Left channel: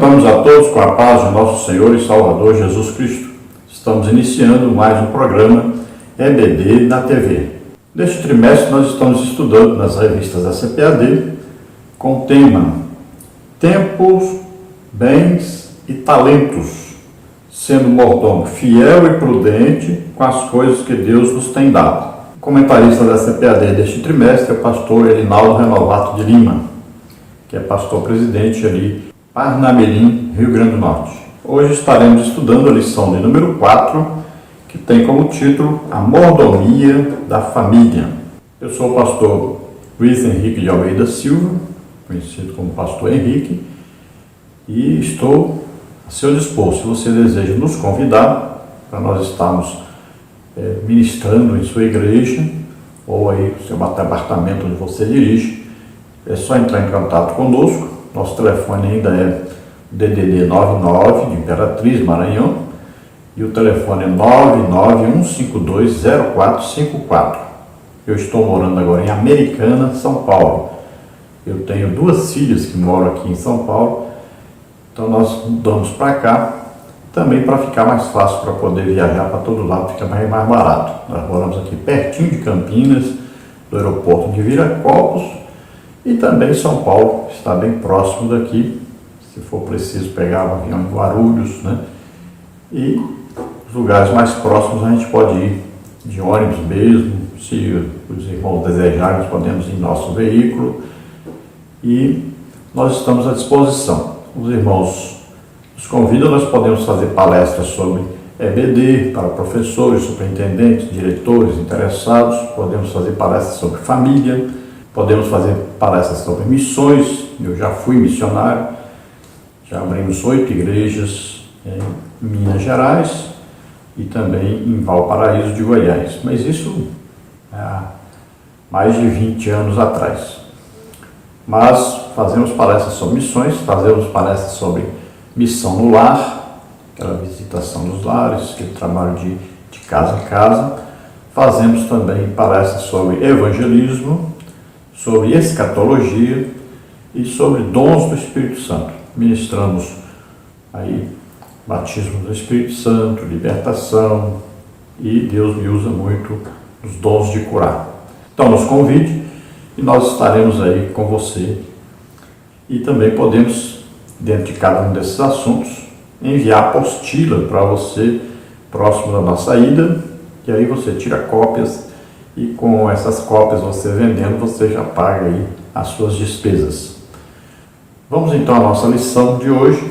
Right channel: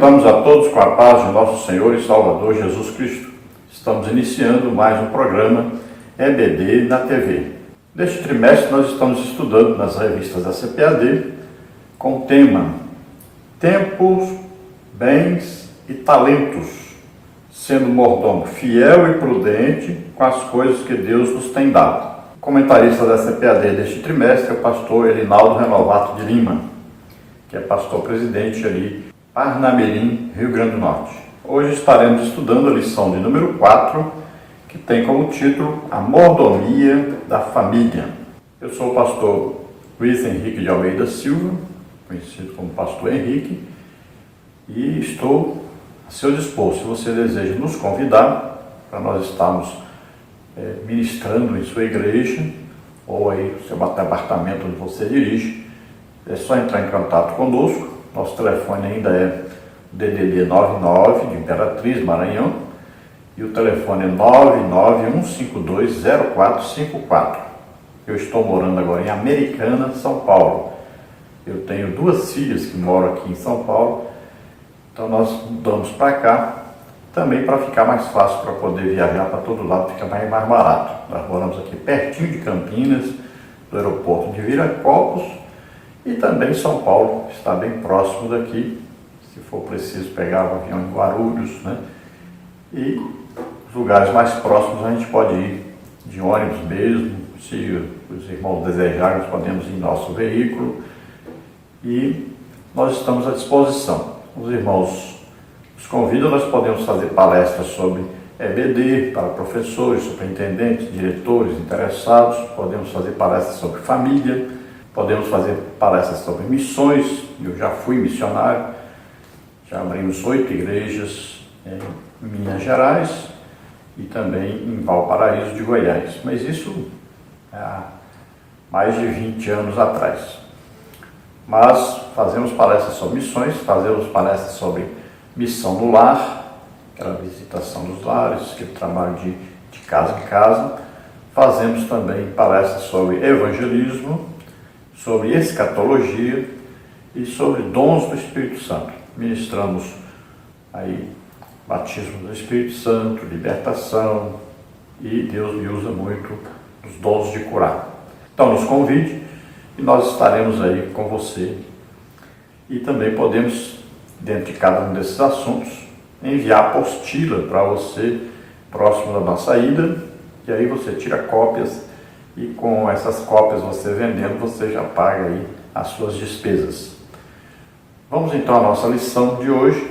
Cumprimentamos a todos com a paz de nosso Senhor e Salvador Jesus Cristo. Estamos iniciando mais um programa EBD na TV. Neste trimestre nós estamos estudando nas revistas da CPAD com o tema Tempos, Bens e Talentos, sendo mordomo fiel e prudente com as coisas que Deus nos tem dado. O comentarista da CPAD deste trimestre é o pastor Erinaldo Renovato de Lima, que é pastor-presidente ali Parnamirim, Rio Grande do Norte. Hoje estaremos estudando a lição de número 4, que tem como título A Mordomia da Família. Eu sou o pastor Luiz Henrique de Almeida Silva, conhecido como pastor Henrique, e estou a seu dispor, se você deseja nos convidar para nós estarmos ministrando em sua igreja, ou aí no seu apartamento onde você dirige, é só entrar em contato conosco. Nosso telefone ainda é DDD 99 de Imperatriz, Maranhão, e o telefone é 991520454. Eu estou morando agora em Americana, São Paulo. Eu tenho 2 filhas que moram aqui em São Paulo, então nós mudamos para cá, também para ficar mais fácil para poder viajar para todo lado, fica mais barato. Nós moramos aqui pertinho de Campinas, do aeroporto de Viracopos, e também São Paulo está bem próximo daqui, se for preciso pegar um avião em Guarulhos, né? E os lugares mais próximos a gente pode ir de ônibus mesmo, se os irmãos desejarem, nós podemos ir em nosso veículo, e nós estamos à disposição. Os irmãos nos convidam, nós podemos fazer palestras sobre EBD para professores, superintendentes, diretores, interessados, podemos fazer palestras sobre família, podemos fazer palestras sobre missões. Eu já fui missionário, já abrimos 8 igrejas em Minas Gerais e também em Valparaíso de Goiás, mas isso há mais de 20 anos atrás. Mas fazemos palestras sobre missões, fazemos palestras sobre missão no lar, aquela visitação dos lares, aquele trabalho de casa em casa. Fazemos também palestras sobre evangelismo, sobre escatologia e sobre dons do Espírito Santo. Ministramos aí batismo do Espírito Santo, libertação, e Deus me usa muito nos dons de curar. Então nos convide e nós estaremos aí com você. E também podemos, dentro de cada um desses assuntos, enviar apostila para você próximo da nossa ida, e aí você tira cópias, e com essas cópias você vendendo, você já paga aí as suas despesas. Vamos então à nossa lição de hoje,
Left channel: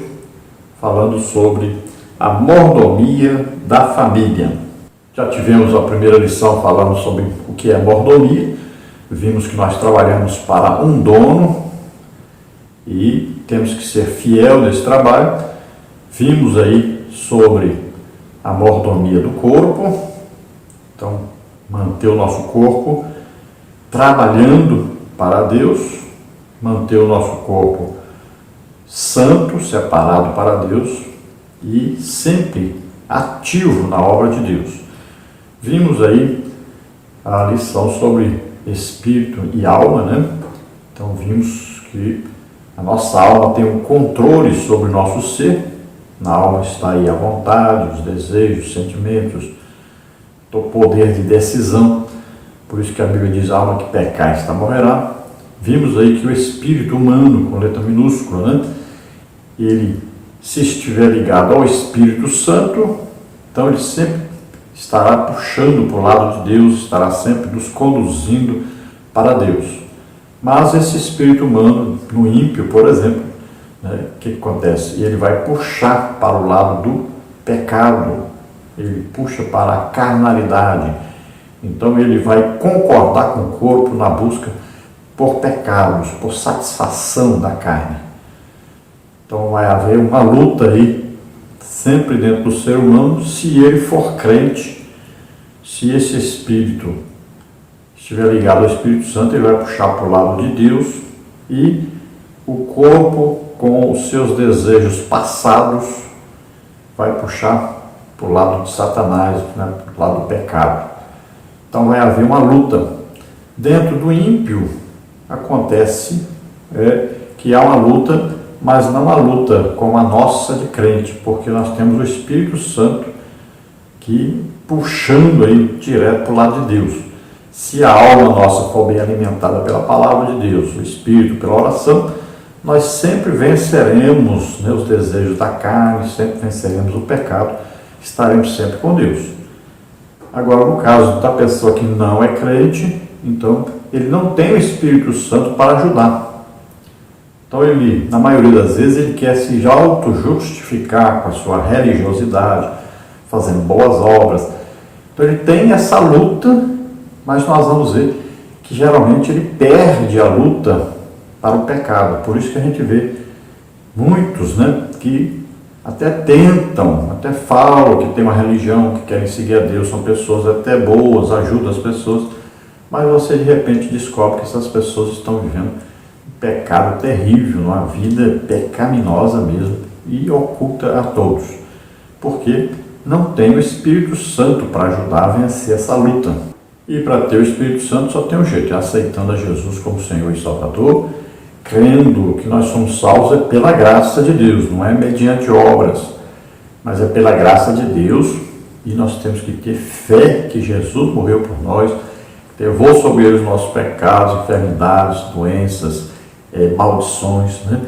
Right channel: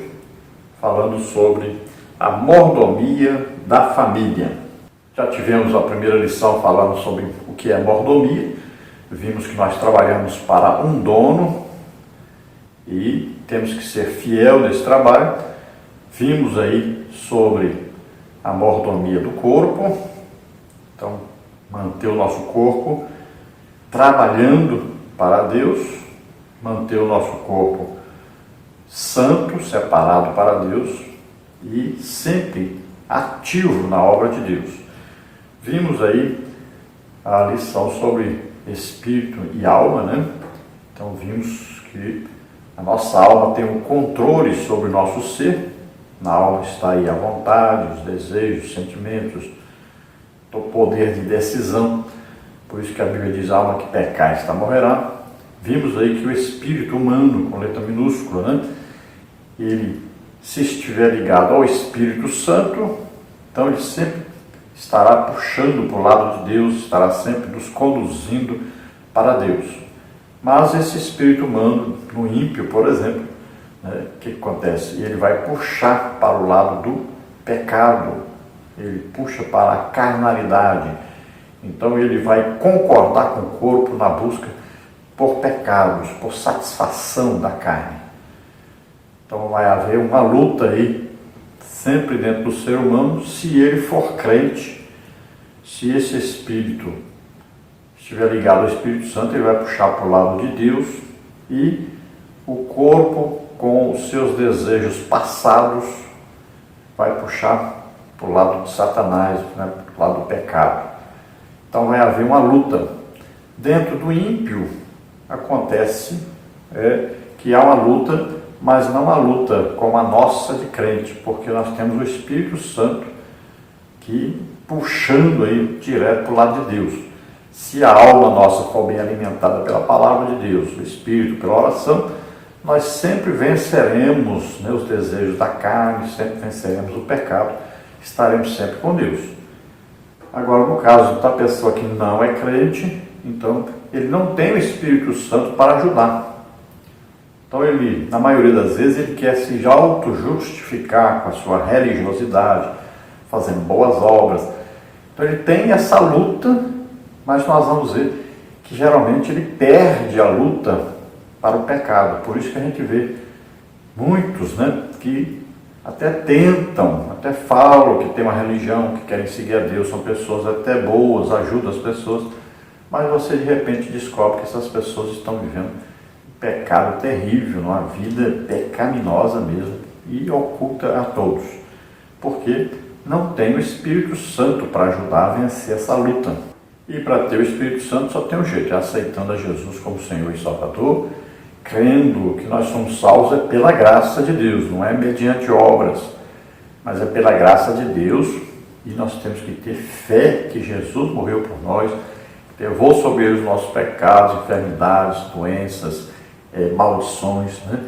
falando sobre a mordomia da família. Já tivemos a primeira lição falando sobre o que é mordomia. Vimos que nós trabalhamos para um dono e temos que ser fiel nesse trabalho. Vimos aí sobre a mordomia do corpo, então manter o nosso corpo trabalhando para Deus, manter o nosso corpo santo, separado para Deus e sempre ativo na obra de Deus. Vimos aí a lição sobre espírito e alma, né? Então vimos que a nossa alma tem um controle sobre o nosso ser. Na alma está aí a vontade, os desejos, os sentimentos, o poder de decisão. Por isso que a Bíblia diz: a alma que pecar, esta morrerá. Vimos aí que o espírito humano, com letra minúscula, né? Ele, se estiver ligado ao Espírito Santo, então ele sempre estará puxando para o lado de Deus, estará sempre nos conduzindo para Deus. Mas esse espírito humano, no ímpio, por exemplo, né, o que acontece? Ele vai puxar para o lado do pecado, ele puxa para a carnalidade. Então ele vai concordar com o corpo na busca por pecados, por satisfação da carne. Então vai haver uma luta aí, sempre dentro do ser humano, se ele for crente. Se esse espírito estiver ligado ao Espírito Santo, ele vai puxar para o lado de Deus, e o corpo, com os seus desejos passados, vai puxar para o lado de Satanás, né, para o lado do pecado. Então vai haver uma luta. Dentro do ímpio acontece que há uma luta mas não a luta como a nossa de crente, porque nós temos o Espírito Santo que puxando aí direto para o lado de Deus. Se a alma nossa for bem alimentada pela palavra de Deus, o Espírito, pela oração, nós sempre venceremos, né, os desejos da carne, sempre venceremos o pecado, estaremos sempre com Deus. Agora, no caso da pessoa que não é crente, então ele não tem o Espírito Santo para ajudar. Então ele, na maioria das vezes, ele quer se auto-justificar com a sua religiosidade, fazendo boas obras. Então ele tem essa luta, mas nós vamos ver que geralmente ele perde a luta para o pecado. Por isso que a gente vê muitos, né, que até tentam, até falam que tem uma religião, que querem seguir a Deus, são pessoas até boas, ajudam as pessoas, mas você de repente descobre que essas pessoas estão vivendo um pecado terrível, uma vida pecaminosa mesmo, e oculta a todos, porque não tem o Espírito Santo para ajudar a vencer essa luta. E para ter o Espírito Santo só tem um jeito, é aceitando a Jesus como Senhor e Salvador, crendo que nós somos salvos é pela graça de Deus, não é mediante obras, mas é pela graça de Deus, e nós temos que ter fé que Jesus morreu por nós, levou sobre ele os nossos pecados, enfermidades, doenças, maldições, né?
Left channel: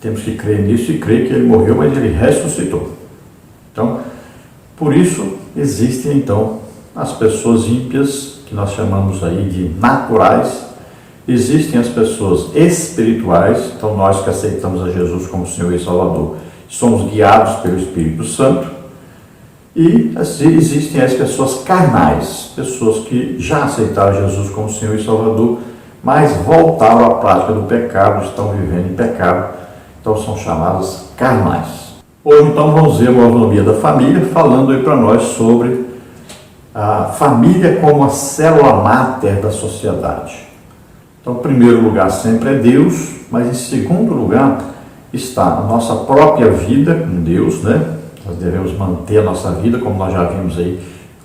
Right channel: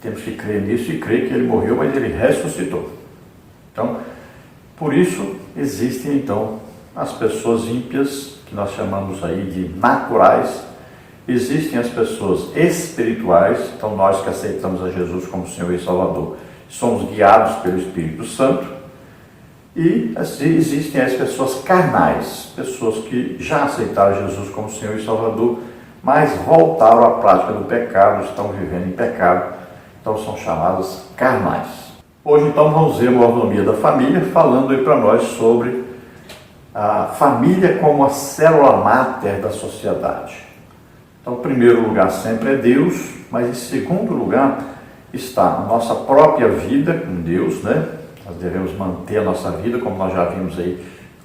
Temos que crer nisso e crer que ele morreu, mas ele ressuscitou. Então, por isso existem então as pessoas ímpias, que nós chamamos aí de naturais. Existem as pessoas espirituais, então nós que aceitamos a Jesus como Senhor e Salvador, somos guiados pelo Espírito Santo. E assim, existem as pessoas carnais, pessoas que já aceitaram Jesus como Senhor e Salvador, mas voltaram à prática do pecado, estão vivendo em pecado, então são chamadas carnais. Hoje então vamos ver a mordomia da família, falando aí para nós sobre a família como a célula máter da sociedade. Então, em primeiro lugar sempre é Deus, mas em segundo lugar está a nossa própria vida com Deus, né? Nós devemos manter a nossa vida, como nós já vimos aí,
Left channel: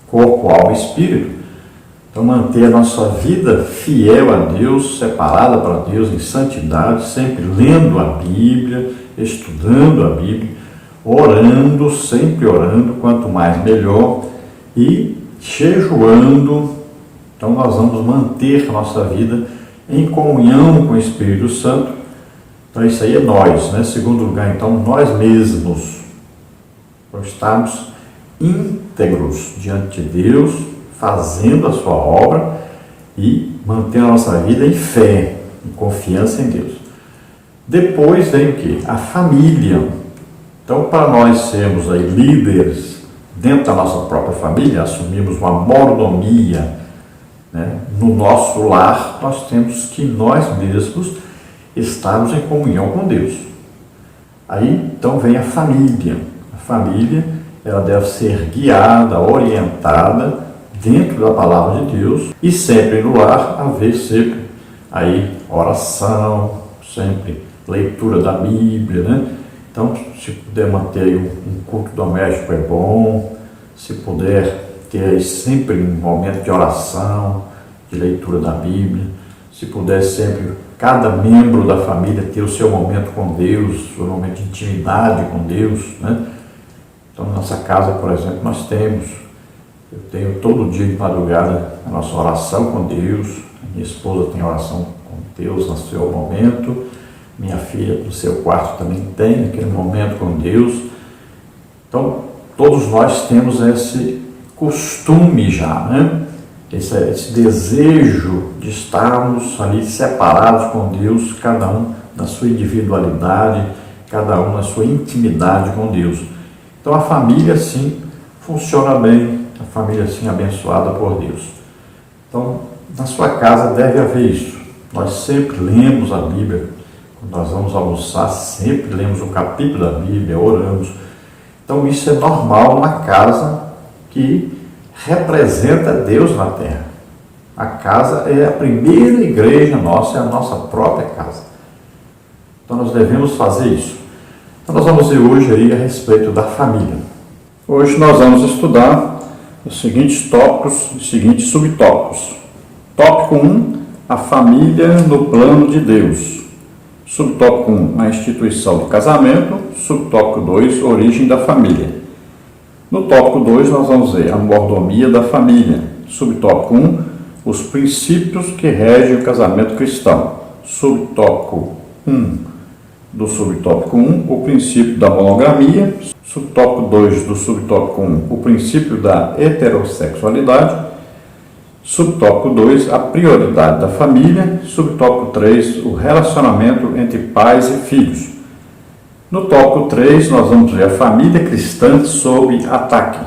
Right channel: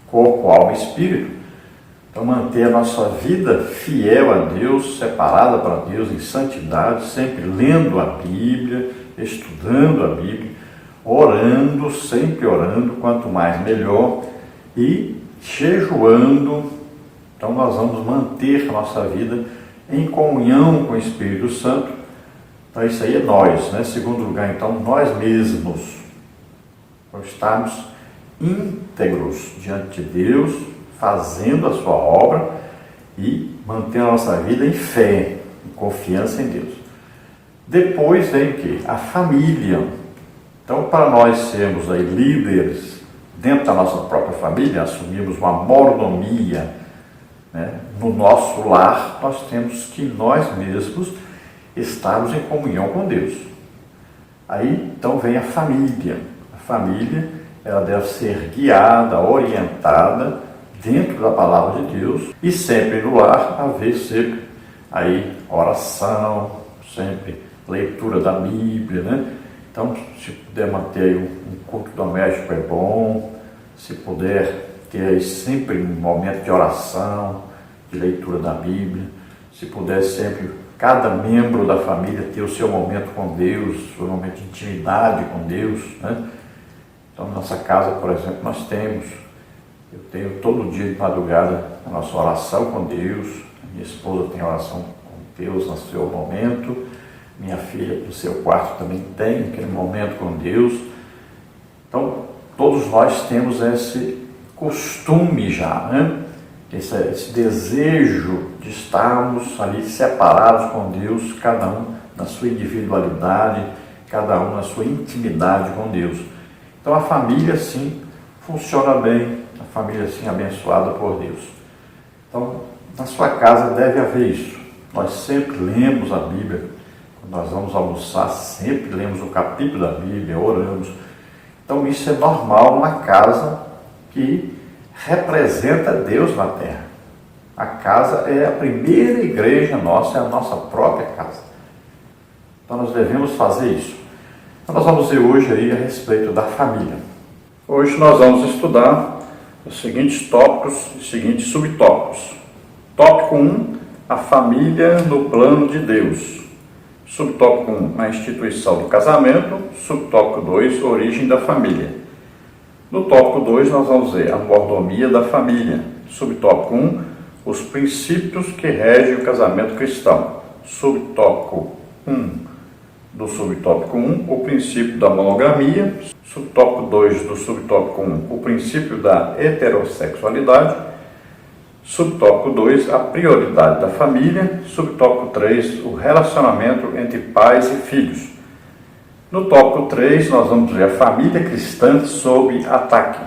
corpo, alma e espírito. Então, manter a nossa vida fiel a Deus, separada para Deus em santidade, sempre lendo a Bíblia, estudando a Bíblia, orando, sempre orando, quanto mais melhor, e jejuando. Então, nós vamos manter a nossa vida em comunhão com o Espírito Santo. Então isso aí é nós, né? Segundo lugar, então, nós mesmos, por estarmos íntegros diante de Deus, fazendo a sua obra e mantendo a nossa vida em fé, em confiança em Deus. Depois vem o quê? A família. Então, para nós sermos aí líderes dentro da nossa própria família, assumirmos uma mordomia, né, no nosso lar, nós temos que nós mesmos estarmos em comunhão com Deus. Aí, então, vem a família. A família, ela deve ser guiada, orientada dentro da palavra de Deus, e sempre no lar haver sempre aí oração, sempre leitura da Bíblia, né? Então, se puder manter aí um culto doméstico é bom, se puder ter aí sempre um momento de oração, de leitura da Bíblia, se puder sempre, cada membro da família ter o seu momento com Deus, o seu momento de intimidade com Deus, né? Então, na nossa casa, por exemplo, eu tenho todo dia de madrugada a nossa oração com Deus, a minha esposa tem oração com Deus no seu momento, minha filha no seu quarto também tem aquele momento com Deus. Então, todos nós temos esse costume já, né? Esse desejo de estarmos ali separados com Deus, cada um na sua individualidade, cada um na sua intimidade com Deus. Então a família sim funciona bem, a família sim abençoada por Deus. Então na sua casa deve haver isso. Nós sempre lemos a Bíblia, quando nós vamos almoçar, sempre lemos o capítulo da Bíblia, oramos. Então isso é normal numa casa que representa Deus na terra. A casa é a primeira igreja nossa, é a nossa própria casa. Então nós devemos fazer isso. Então nós vamos ver hoje aí a respeito da família. Hoje nós vamos estudar os seguintes tópicos, os seguintes subtópicos. Tópico 1, a família no plano de Deus. Subtópico 1, a instituição do casamento. Subtópico 2, origem da família. No tópico 2, nós vamos ver a mordomia da família. Subtópico 1, os princípios que regem o casamento cristão. Subtópico 1 do subtópico 1, o princípio da monogamia. Subtópico 2 do subtópico 1, o princípio da heterossexualidade. Subtópico 2, a prioridade da família. Subtópico 3, o relacionamento entre pais e filhos. No tópico 3, nós vamos ver a família cristã sob ataque.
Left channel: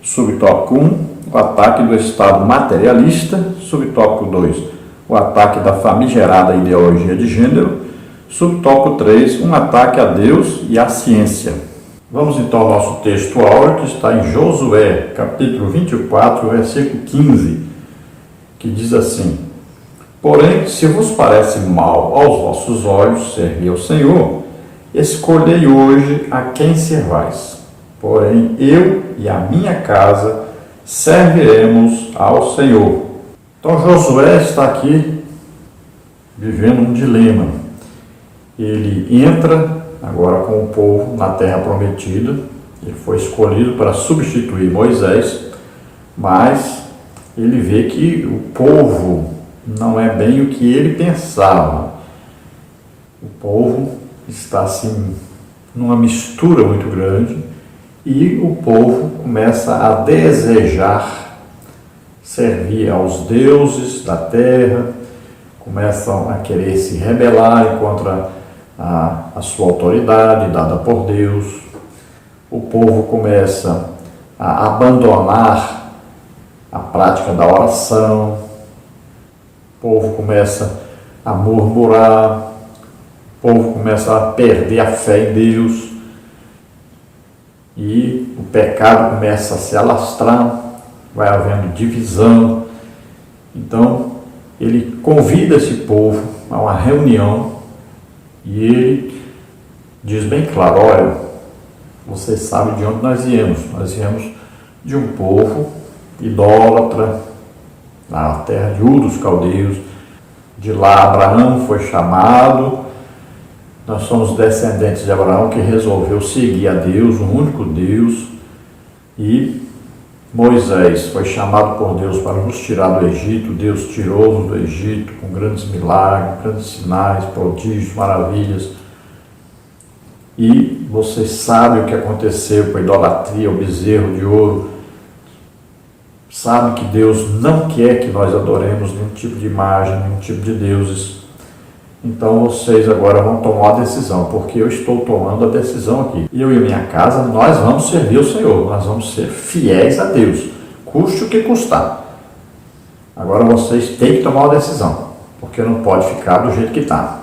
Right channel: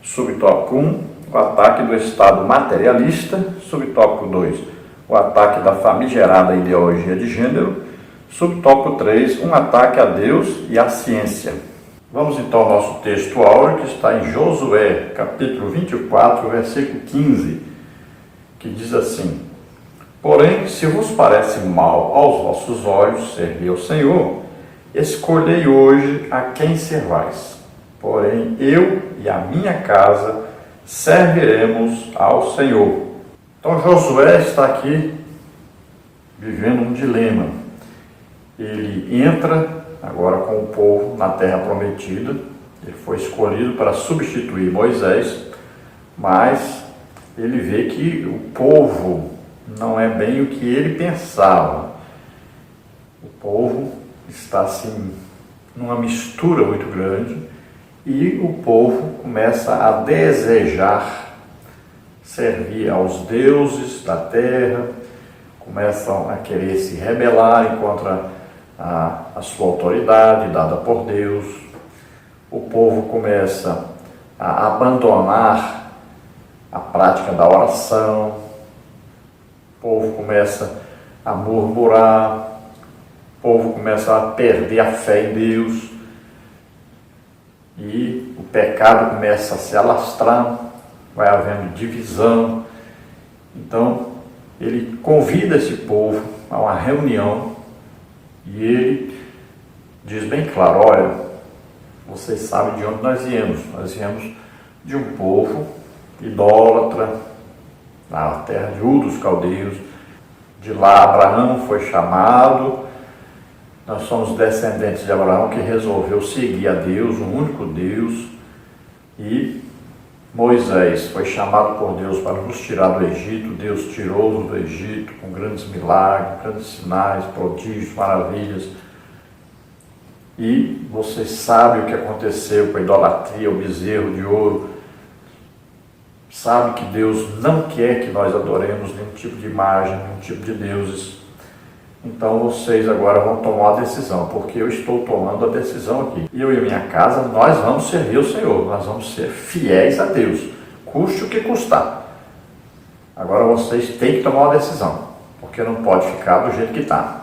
Subtópico 1, o ataque do Estado materialista. Subtópico 2, o ataque da famigerada ideologia de gênero. Subtópico 3, um ataque a Deus e à ciência. Vamos então ao nosso texto áureo, que está em Josué, capítulo 24, versículo 15, que diz assim: Porém, se vos parece mal aos vossos olhos servir ao Senhor, escolhei hoje a quem servais. Porém, eu e a minha casa serviremos ao Senhor. Então, Josué está aqui vivendo um dilema. Ele entra agora com o povo na terra prometida. Ele foi escolhido para substituir Moisés, mas ele vê que o povo não é bem o que ele pensava. O povo está assim numa mistura muito grande e o povo começa a desejar servir aos deuses da terra, começam a querer se rebelar contra a sua autoridade dada por Deus. O povo começa a abandonar a prática da oração. O povo começa a murmurar. O povo começa a perder a fé em Deus. E o pecado começa a se alastrar. Vai havendo divisão. Então, ele convida esse povo a uma reunião. E ele diz bem claro: olha, vocês sabem de onde nós viemos. Nós viemos de um povo idólatra, na terra de Ur dos Caldeus. De lá Abraão foi chamado. Nós somos descendentes de Abraão, que resolveu seguir a Deus, o único Deus. E Moisés foi chamado por Deus para nos tirar do Egito. Deus tirou-nos do Egito com grandes milagres, grandes sinais, prodígios, maravilhas. E você sabe o que aconteceu com a idolatria, o bezerro de ouro. Sabe que Deus não quer que nós adoremos nenhum tipo de imagem, nenhum tipo de deuses. Então vocês agora vão tomar a decisão, porque eu estou tomando a decisão aqui. Eu e minha casa, nós vamos servir ao Senhor, nós vamos ser fiéis a Deus, custe o que custar. Agora vocês têm que tomar uma decisão, porque não pode ficar do jeito que está.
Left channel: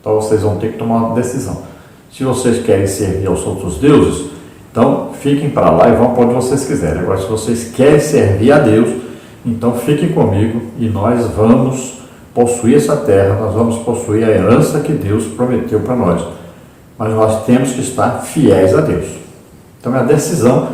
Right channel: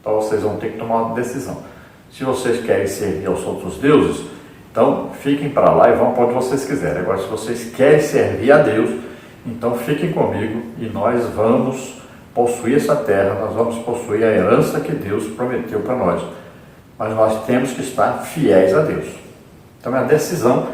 Então vocês vão ter que tomar uma decisão. Se vocês querem servir aos outros deuses, então fiquem para lá e vão para onde vocês quiserem. Agora, se vocês querem servir a Deus, então fiquem comigo e nós vamos possuir essa terra, nós vamos possuir a herança que Deus prometeu para nós. Mas nós temos que estar fiéis a Deus. Então é a decisão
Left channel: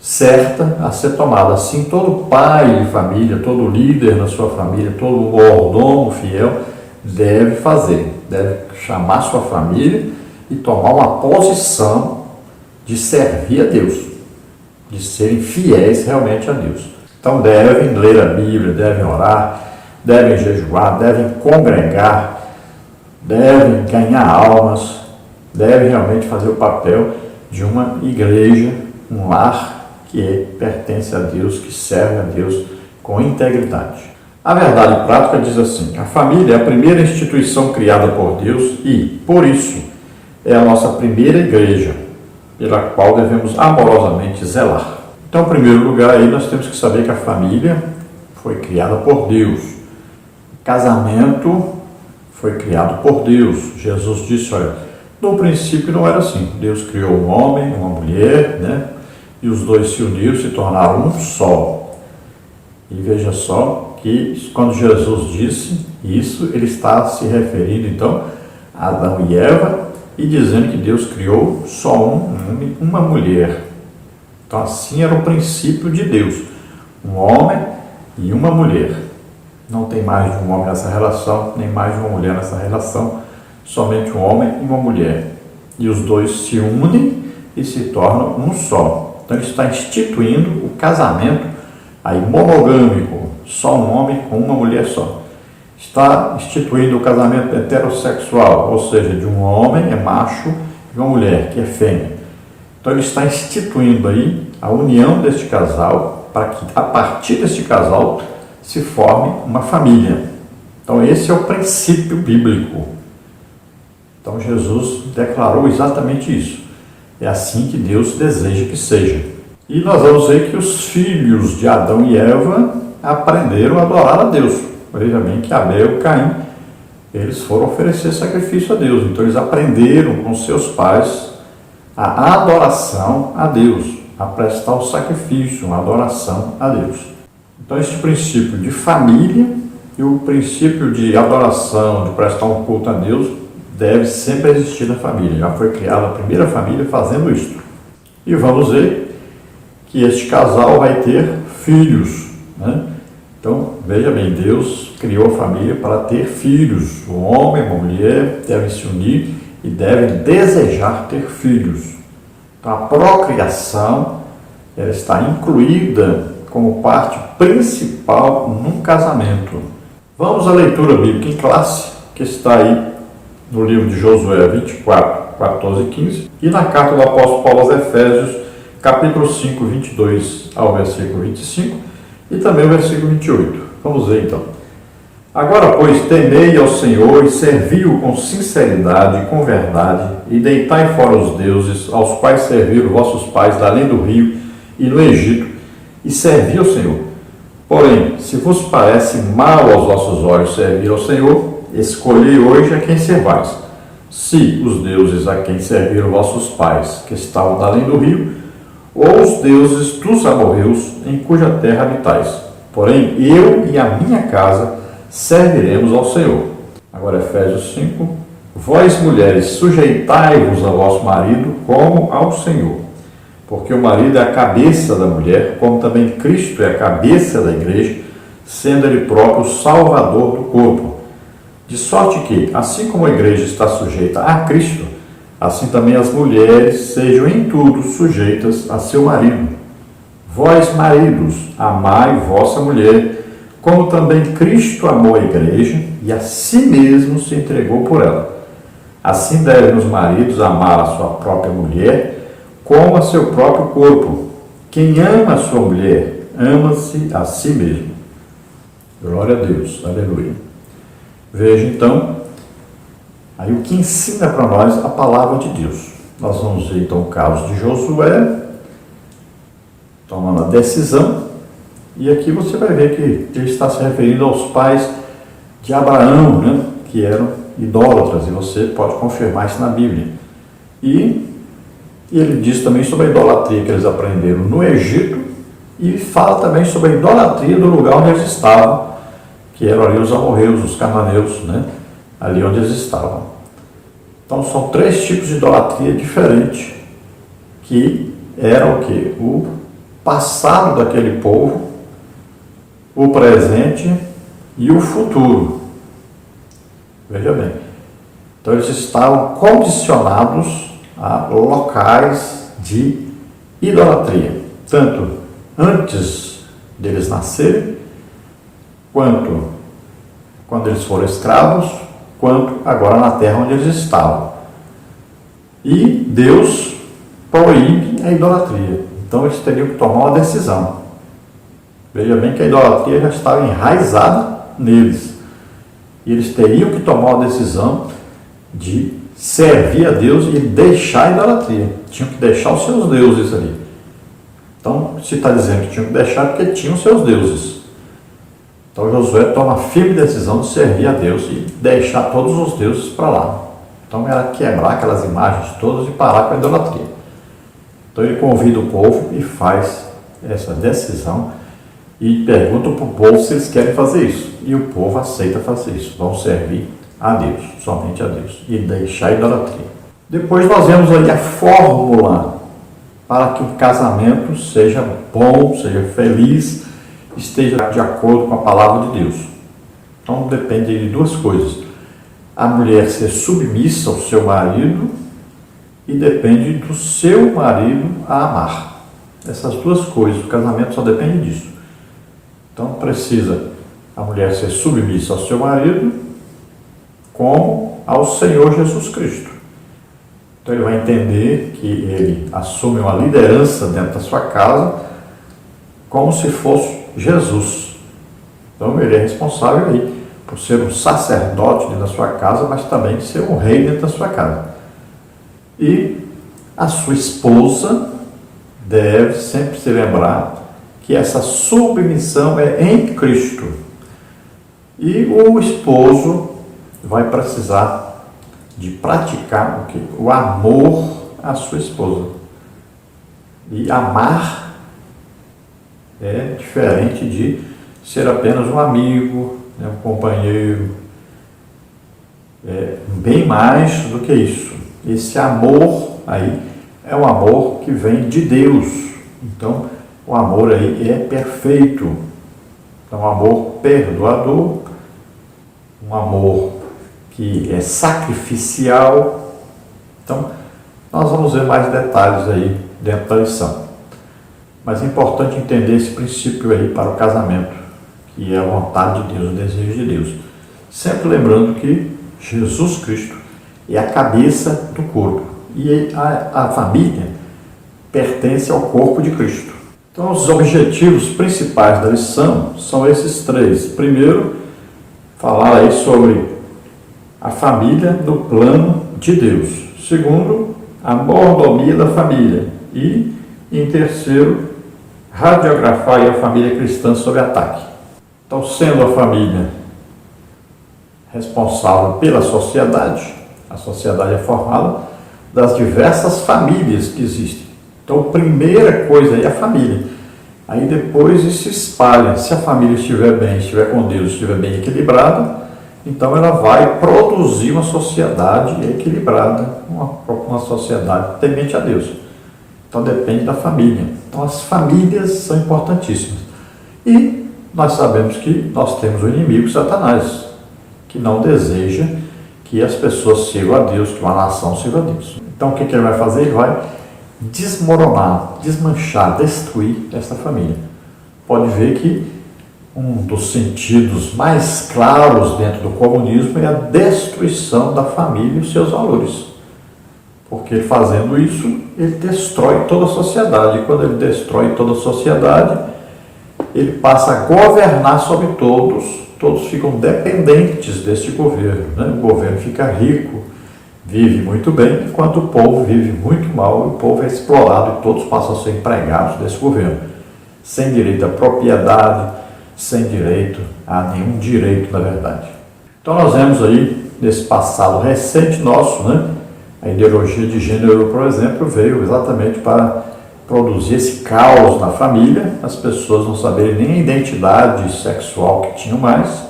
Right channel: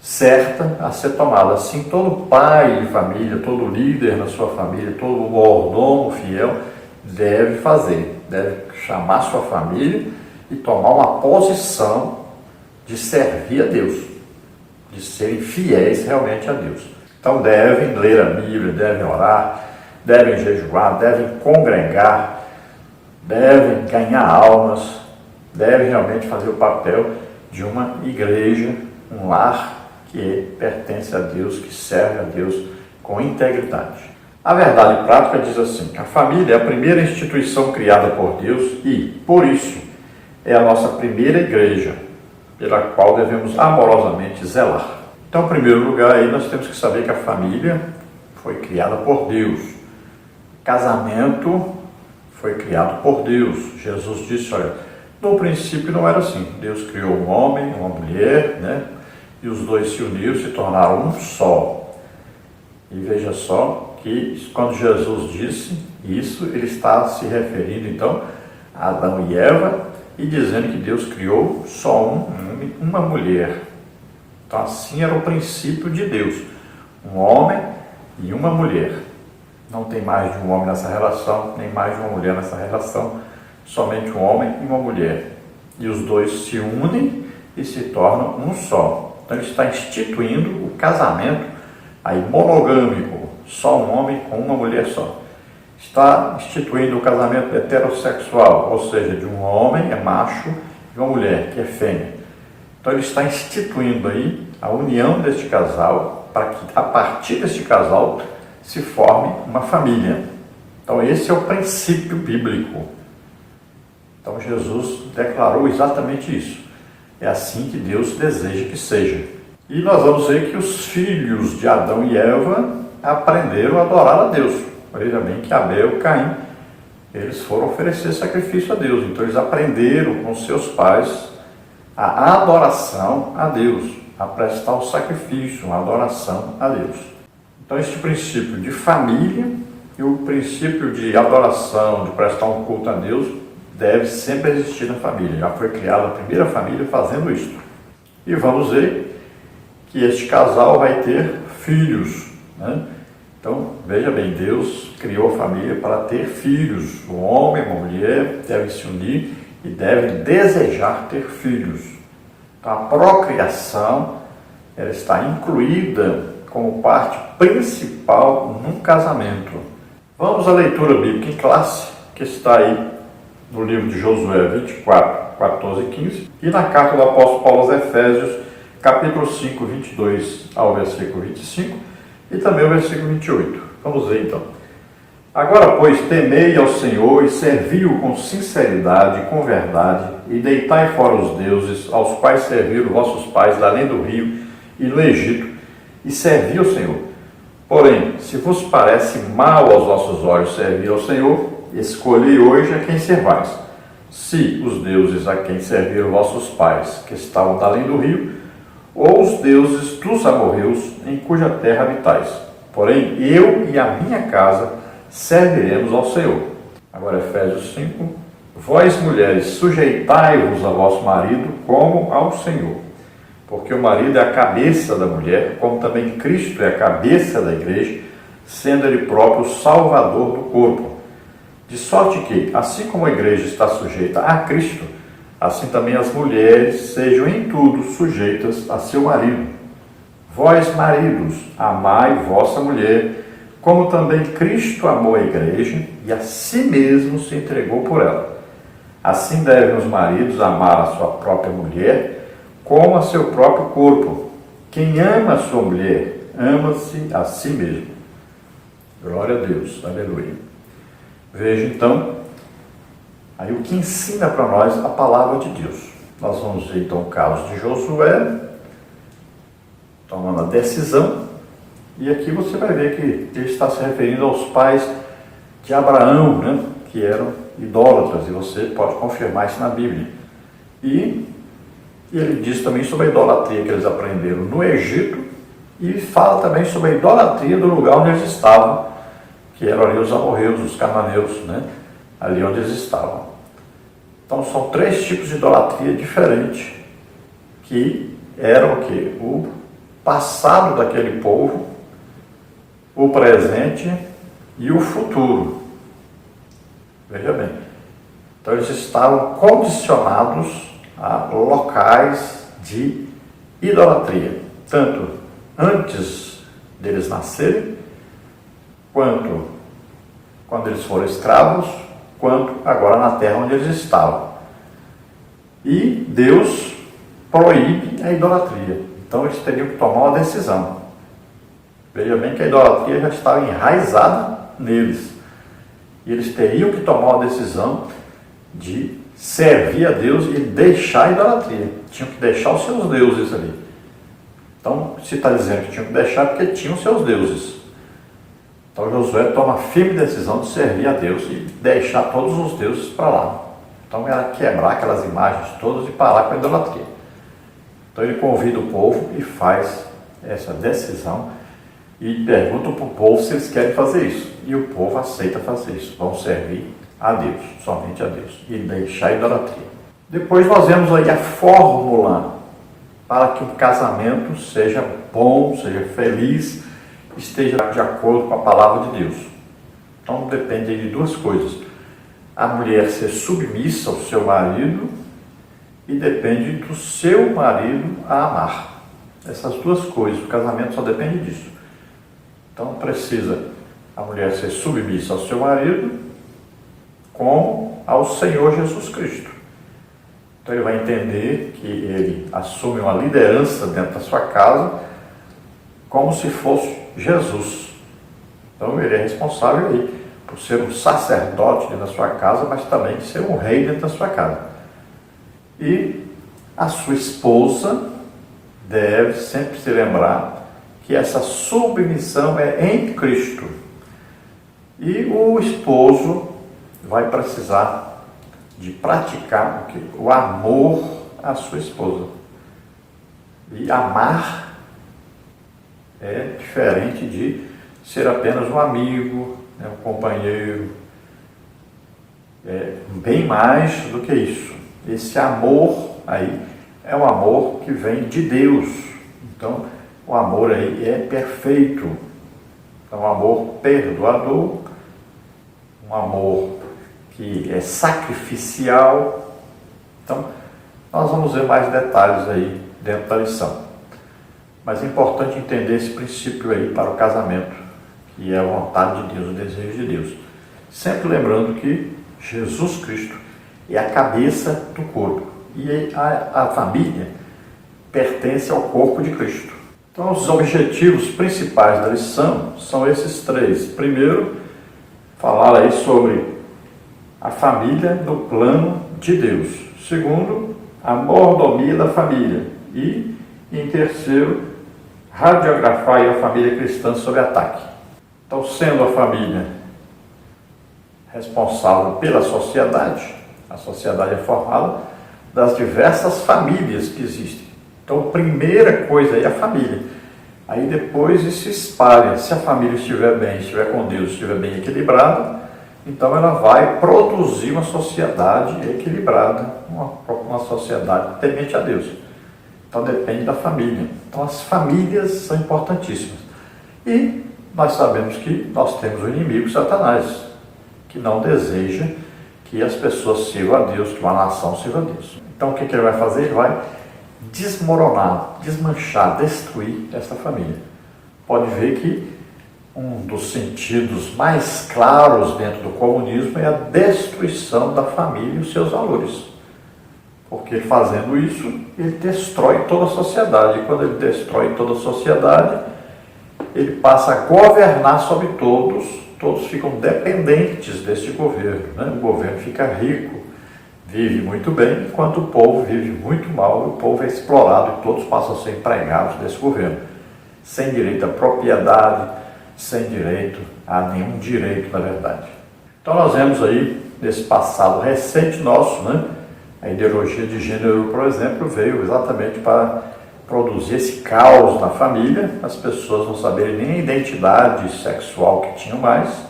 certa a ser tomada. Assim, todo pai de família, todo líder na sua família, todo mordomo fiel deve fazer. Deve chamar sua família e tomar uma posição de servir a Deus, de serem fiéis realmente a Deus. Então devem ler a Bíblia, devem orar, devem jejuar, devem congregar, devem ganhar almas, devem realmente fazer o papel de uma igreja, um lar que pertence a Deus, que serve a Deus com integridade. A verdade prática diz assim: a família é a primeira instituição criada por Deus e, por isso, é a nossa primeira igreja, pela qual devemos amorosamente zelar. Então, em primeiro lugar, aí nós temos que saber que a família foi criada por Deus. O casamento foi criado por Deus. Jesus disse, olha, no princípio não era assim. Deus criou um homem, uma mulher, né? E os dois se uniram, se tornaram um só. E veja só que quando Jesus disse isso, ele está se referindo então a Adão e Eva e dizendo que Deus criou só um homem, uma mulher. Então assim era o princípio de Deus, um homem e uma mulher. Não tem mais de um homem nessa relação, nem mais de uma mulher nessa relação. somente um homem e uma mulher. E os dois se unem e se tornam um só. Então ele está instituindo o casamento aí monogâmico, só um homem com uma mulher só. Está instituindo o casamento heterossexual, ou seja, de um homem é macho e uma mulher que é fêmea. Então ele está instituindo aí a união deste casal para que a partir deste casal se forme uma família. Então esse é o princípio bíblico. Então Jesus declarou exatamente isso. É assim que Deus deseja que seja. E nós vamos ver que os filhos de Adão e Eva aprenderam a adorar a Deus. Veja bem que Abel e Caim, eles foram oferecer sacrifício a Deus. Então eles aprenderam com seus pais a adoração a Deus, a prestar o sacrifício, a adoração a Deus. Então este princípio de família e o princípio de adoração, de prestar um culto a Deus, deve sempre existir na família. Já foi criada a primeira família fazendo isso. E vamos ver que este casal vai ter filhos, né? Então, veja bem, Deus criou a família para ter filhos. Um homem e uma mulher devem se unir e devem desejar ter filhos. Então, a procriação ela está incluída como parte principal num casamento. Vamos à leitura bíblica em classe, que está aí no livro de Josué 24, 14 e 15, e na carta do apóstolo Paulo aos Efésios, capítulo 5, 22 ao versículo 25, e também o versículo 28. Vamos ver então. Agora, pois, temei ao Senhor e servi-o com sinceridade e com verdade, e deitai fora os deuses, aos quais serviram vossos pais além do rio e no Egito, e servi ao Senhor. Porém, se vos parece mal aos vossos olhos servir ao Senhor, escolhei hoje a quem servais. Se os deuses a quem serviram vossos pais, que estavam além do rio, ou os deuses dos amorreus, em cuja terra habitais. Porém, eu e a minha casa serviremos ao Senhor. Agora, Efésios 5. Vós, mulheres, sujeitai-vos a vosso marido como ao Senhor. Porque o marido é a cabeça da mulher, como também Cristo é a cabeça da igreja, sendo ele próprio o salvador do corpo. De sorte que, assim como a igreja está sujeita a Cristo, assim também as mulheres sejam em tudo sujeitas a seu marido. Vós, maridos, amai vossa mulher, como também Cristo amou a igreja e a si mesmo se entregou por ela. Assim devem os maridos amar a sua própria mulher, como a seu próprio corpo. Quem ama a sua mulher, ama-se a si mesmo. Glória a Deus, aleluia. Veja então, aí o que ensina para nós a palavra de Deus. Nós vamos ver então o caso de Josué, tomando a decisão, e aqui você vai ver que ele está se referindo aos pais de Abraão, né, que eram idólatras, e você pode confirmar isso na Bíblia. E ele diz também sobre a idolatria que eles aprenderam no Egito, e fala também sobre a idolatria do lugar onde eles estavam, que eram ali os amorreus, os cananeus, né, ali onde eles estavam. Então são três tipos de idolatria diferentes, que eram o quê? O passado daquele povo, o presente e o futuro. Veja bem. Então eles estavam condicionados a locais de idolatria, tanto antes deles nascerem, quanto quando eles foram escravos, quanto agora na terra onde eles estavam. E Deus proíbe a idolatria. Então eles teriam que tomar uma decisão. Veja bem que a idolatria já estava enraizada neles. E eles teriam que tomar uma decisão de servir a Deus e deixar a idolatria. Tinham que deixar os seus deuses ali. Então, se está dizendo que tinham que deixar, porque tinham seus deuses. Então Josué toma a firme decisão de servir a Deus e deixar todos os deuses para lá. Então era quebrar aquelas imagens todas e parar com a idolatria. Então ele convida o povo e faz essa decisão e pergunta para o povo se eles querem fazer isso. E o povo aceita fazer isso. Vão servir a Deus, somente a Deus, e deixar a idolatria. Depois nós vemos aí a fórmula para que o casamento seja bom, seja feliz, esteja de acordo com a palavra de Deus. Então depende de duas coisas. a mulher ser submissa ao seu marido e depende do seu marido a amar. Essas duas coisas, o casamento só depende disso. Então precisa a mulher ser submissa ao seu marido como ao Senhor Jesus Cristo. Então ele vai entender que ele assume uma liderança dentro da sua casa como se fosse Jesus. Então ele é responsável aí por ser um sacerdote dentro da sua casa, mas também ser um rei dentro da sua casa. E a sua esposa deve sempre se lembrar que essa submissão é em Cristo. E o esposo vai precisar de praticar o quê? O amor à sua esposa. E amar é diferente de ser apenas um amigo, um companheiro. É bem mais do que isso. Esse amor aí é um amor que vem de Deus. Então, o amor aí é perfeito. É um amor perdoador, um amor que é sacrificial. Então, nós vamos ver mais detalhes aí dentro da lição. Mas é importante entender esse princípio aí para o casamento, que é a vontade de Deus, o desejo de Deus. Sempre lembrando que Jesus Cristo é a cabeça do corpo e a família pertence ao corpo de Cristo. Então, os objetivos principais da lição são esses três. Primeiro, falar aí sobre a família no plano de Deus. Segundo, a mordomia da família. E, em terceiro, radiografar a família cristã sob ataque. Então, sendo a família responsável pela sociedade, a sociedade é formada das diversas famílias que existem. Então, a primeira coisa aí é a família. Aí depois isso se espalha. Se a família estiver bem, estiver com Deus, estiver bem equilibrada, então ela vai produzir uma sociedade equilibrada, uma sociedade temente a Deus. Então depende da família. Então as famílias são importantíssimas. E nós sabemos que nós temos o inimigo Satanás, que não deseja que as pessoas sirvam a Deus, que uma nação sirva a Deus. Então o que ele vai fazer? Ele vai desmoronar, desmanchar, destruir essa família. Pode ver que um dos sentidos mais claros dentro do comunismo é a destruição da família e os seus valores. Porque fazendo isso, ele destrói toda a sociedade. E quando ele destrói toda a sociedade, ele passa a governar sobre todos. Todos ficam dependentes desse governo. Né? O governo fica rico, vive muito bem, enquanto o povo vive muito mal. O povo é explorado e todos passam a ser empregados desse governo. Sem direito à propriedade, sem direito a nenhum direito, na verdade. Então nós vemos aí, nesse passado recente nosso, né? A ideologia de gênero, por exemplo, veio exatamente para produzir esse caos na família, as pessoas não saberem nem a identidade sexual que tinham mais.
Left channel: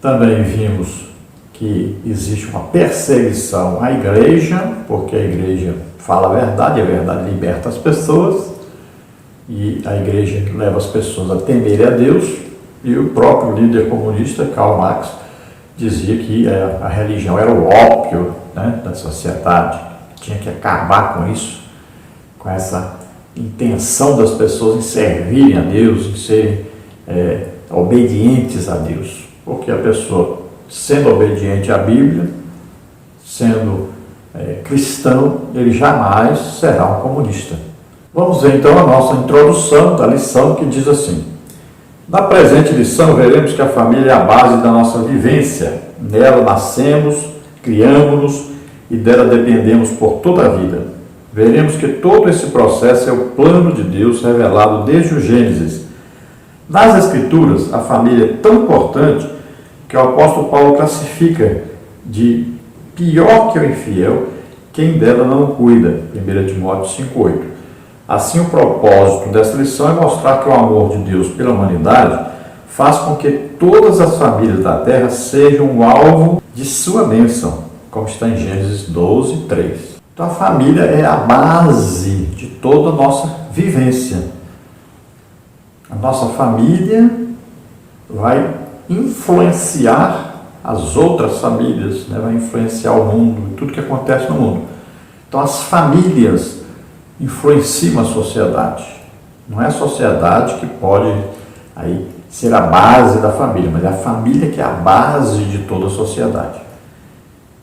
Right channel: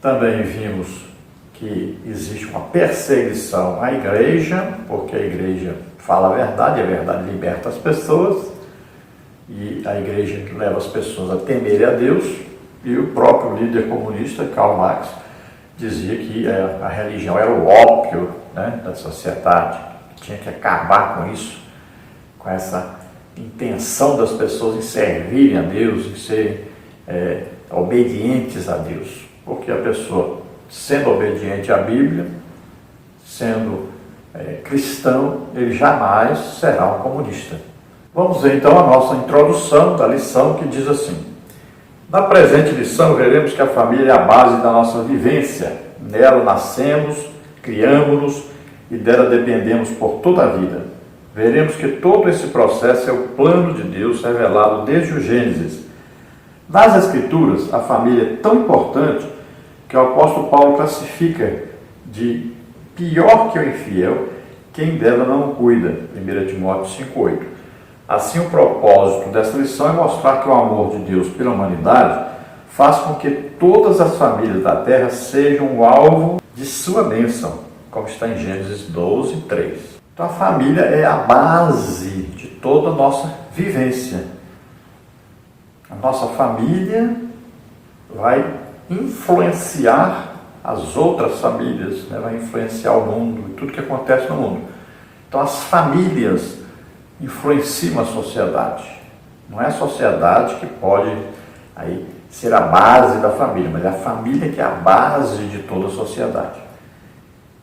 Também vimos que existe uma perseguição à igreja, porque a igreja fala a verdade liberta as pessoas, e a igreja leva as pessoas a temerem a Deus, e o próprio líder comunista, Karl Marx, dizia que a religião era o ópio, né, da sociedade, tinha que acabar com isso, com essa intenção das pessoas em servirem a Deus, em serem obedientes a Deus, porque a pessoa, sendo obediente à Bíblia, sendo cristão, ele jamais será um comunista. Vamos ver então a nossa introdução da lição, que diz assim: na presente lição veremos que a família é a base da nossa vivência. Nela nascemos, criamos-nos e dela dependemos por toda a vida. Veremos que todo esse processo é o plano de Deus revelado desde o Gênesis. Nas Escrituras, a família é tão importante que o apóstolo Paulo classifica de pior que o infiel quem dela não cuida. 1 Timóteo 5,8. Assim, o propósito dessa lição é mostrar que o amor de Deus pela humanidade faz com que todas as famílias da terra sejam o alvo de sua bênção, como está em Gênesis 12, 3. Então, a família é a base de toda a nossa vivência. A nossa família vai influenciar as outras famílias, né? Vai influenciar o mundo e tudo que acontece no mundo. Então as famílias influenciam a sociedade. Não é a sociedade que pode aí ser a base da família, mas é a família que é a base de toda a sociedade.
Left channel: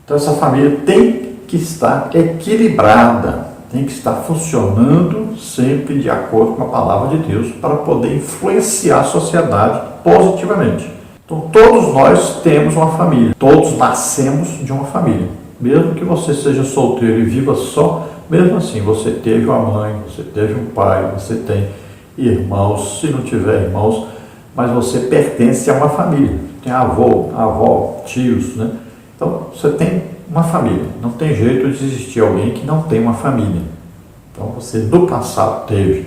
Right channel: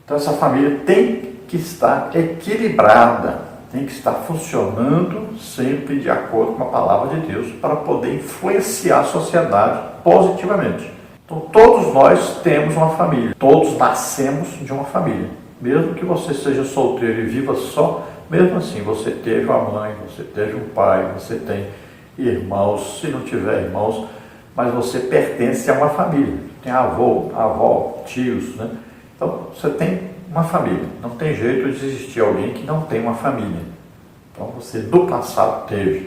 Então essa família tem que estar equilibrada, tem que estar funcionando sempre de acordo com a palavra de Deus para poder influenciar a sociedade positivamente. Então todos nós temos uma família, todos nascemos de uma família. Mesmo que você seja solteiro e viva só, mesmo assim você teve uma mãe, você teve um pai, você tem irmãos, se não tiver irmãos, mas você pertence a uma família. Tem avô, avó, tios, né? Então você tem uma família. Não tem jeito de existir alguém que não tem uma família. Então você do passado teve.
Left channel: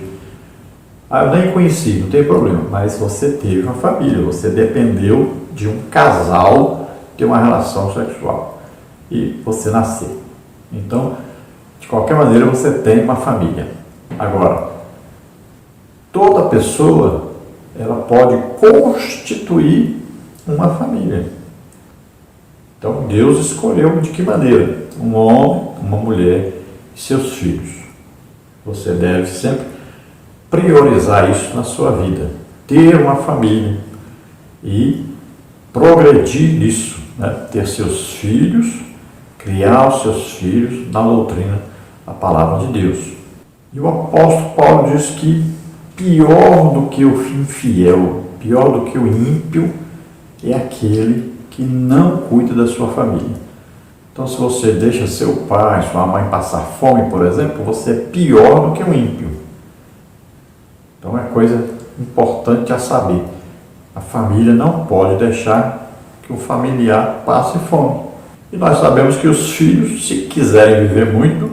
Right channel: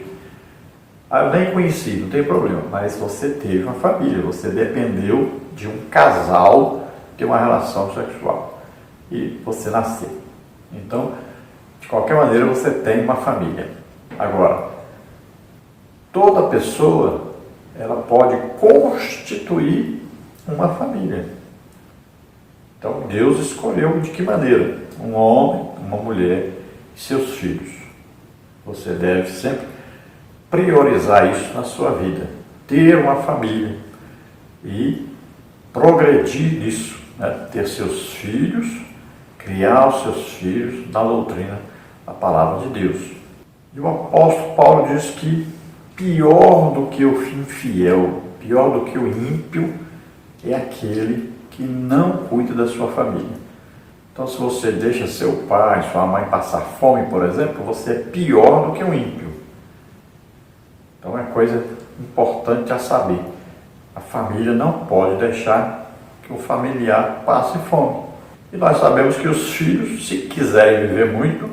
Ah, eu nem conheci, não tem problema, mas você teve uma família, você dependeu de um casal ter uma relação sexual e você nasceu. Então, de qualquer maneira, você tem uma família. Agora, toda pessoa, ela pode constituir uma família. Então, Deus escolheu de que maneira? Um homem, uma mulher e seus filhos. Você deve sempre priorizar isso na sua vida. Ter uma família e progredir nisso, né? Ter seus filhos, criar os seus filhos na doutrina da palavra de Deus. E o apóstolo Paulo diz que pior do que o infiel, pior do que o ímpio, é aquele que não cuida da sua família. Então, se você deixa seu pai, sua mãe passar fome, por exemplo, você é pior do que o ímpio. Então, é coisa importante a saber. A família não pode deixar que o familiar passe fome. E nós sabemos que os filhos, se quiserem viver muito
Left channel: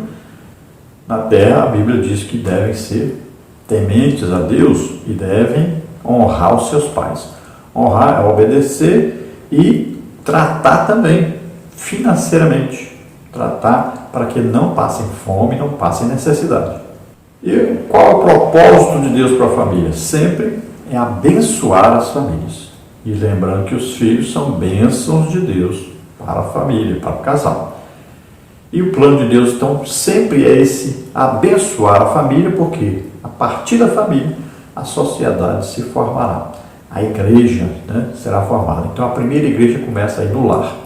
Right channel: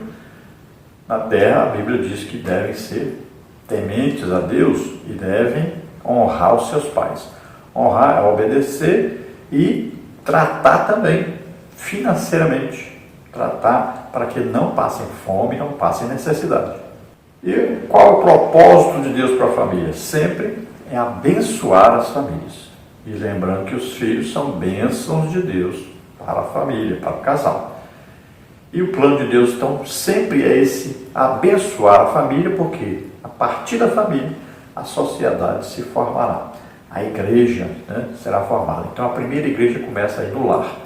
na terra, a Bíblia diz que devem ser tementes a Deus e devem honrar os seus pais. Honrar é obedecer e tratar também financeiramente. Tratar para que não passem fome, não passem necessidade. E qual é o propósito de Deus para a família? Sempre é abençoar as famílias. E lembrando que os filhos são bênçãos de Deus para a família, para o casal. E o plano de Deus, então, sempre é esse abençoar a família, porque a partir da família a sociedade se formará. A igreja, né, será formada. Então a primeira igreja começa aí no lar,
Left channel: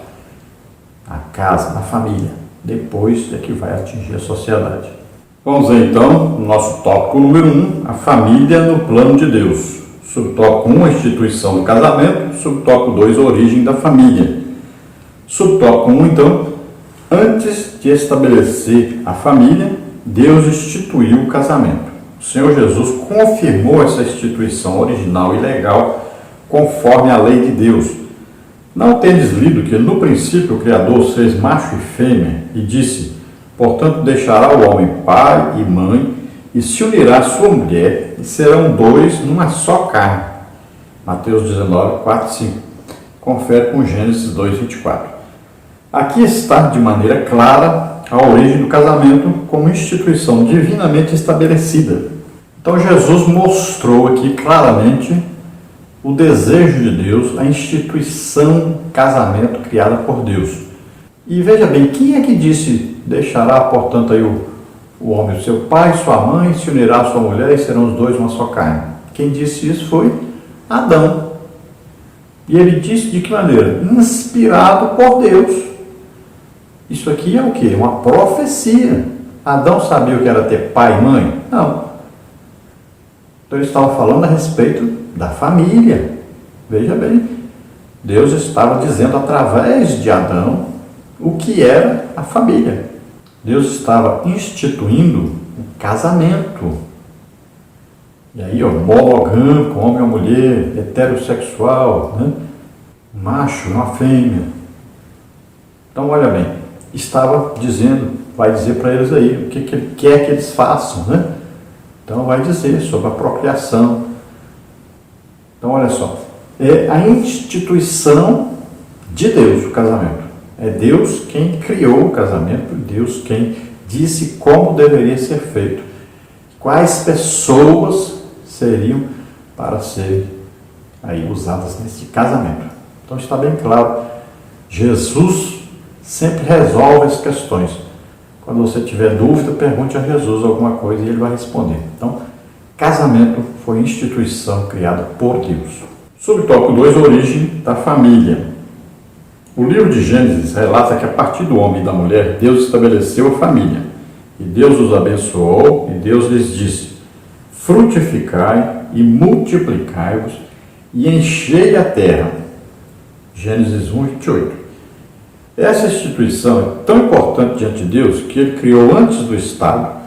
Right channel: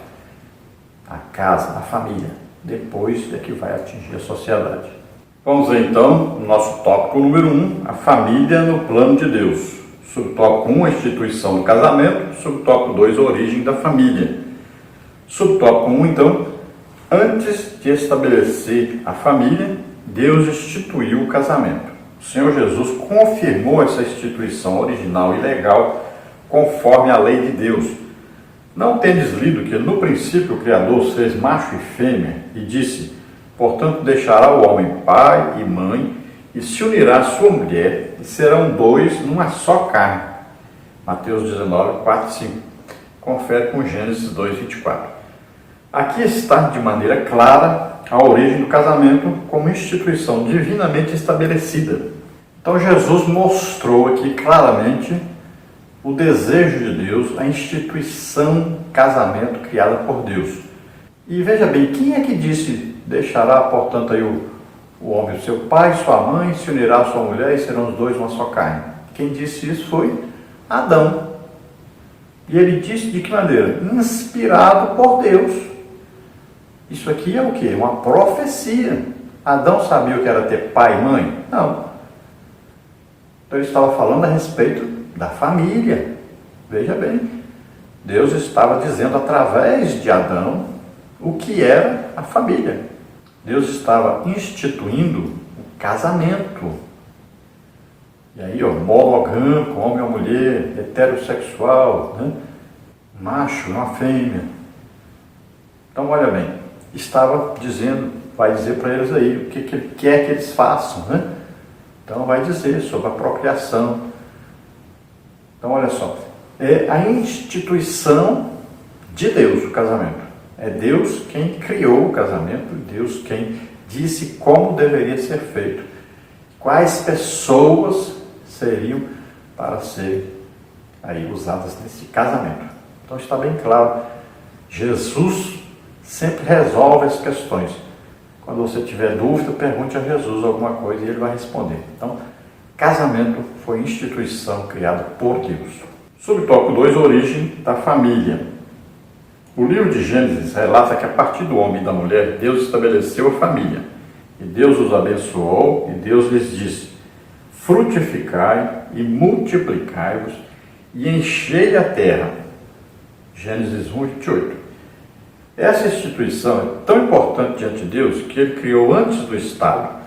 na casa, na família. Depois é que vai atingir a sociedade. Vamos ver então o nosso tópico número 1, a família no plano de Deus. Subtópico 1, a instituição do casamento. Subtópico 2, a origem da família. Subtópico 1, então, antes de estabelecer a família, Deus instituiu o casamento. O Senhor Jesus confirmou essa instituição original e legal conforme a lei de Deus. Não tendes lido que no princípio o Criador os fez macho e fêmea e disse: portanto deixará o homem pai e mãe e se unirá à sua mulher e serão dois numa só carne. Mateus 19, 4, 5. Confere com Gênesis 2, 24. Aqui está de maneira clara a origem do casamento como instituição divinamente estabelecida. Então Jesus mostrou aqui claramente o desejo de Deus, a instituição casamento criada por Deus. E veja bem, quem é que disse: deixará, portanto, aí o homem, o seu pai, sua mãe, se unirá à sua mulher e serão os dois uma só carne? Quem disse isso foi Adão. E ele disse de que maneira? Inspirado por Deus. Isso aqui é o quê? Uma profecia. Adão sabia o que era ter pai e mãe? Não. Então ele estava falando a respeito da família. Veja bem, Deus estava dizendo através de Adão o que era a família. Deus estava instituindo o casamento. E aí, monogâmico, homem ou mulher, heterossexual, né? Macho, uma fêmea. Então, olha bem, estava dizendo, vai dizer para eles aí o que ele quer que eles façam, né? Então, vai dizer sobre a procriação. Então, olha só, é a instituição de Deus o casamento. É Deus quem criou o casamento, Deus quem disse como deveria ser feito. Quais pessoas seriam para ser aí usadas nesse casamento. Então está bem claro Jesus sempre resolve as questões. Quando você tiver dúvida, pergunte a Jesus alguma coisa e ele vai responder. Então, casamento foi instituição criada por Deus. Subtópico 2, origem da família. O livro de Gênesis relata que a partir do homem e da mulher, Deus estabeleceu a família. E Deus os abençoou e Deus lhes disse: frutificai e multiplicai-vos e enchei a terra. Gênesis 1, 28. Essa instituição é tão importante diante de Deus que ele criou antes do Estado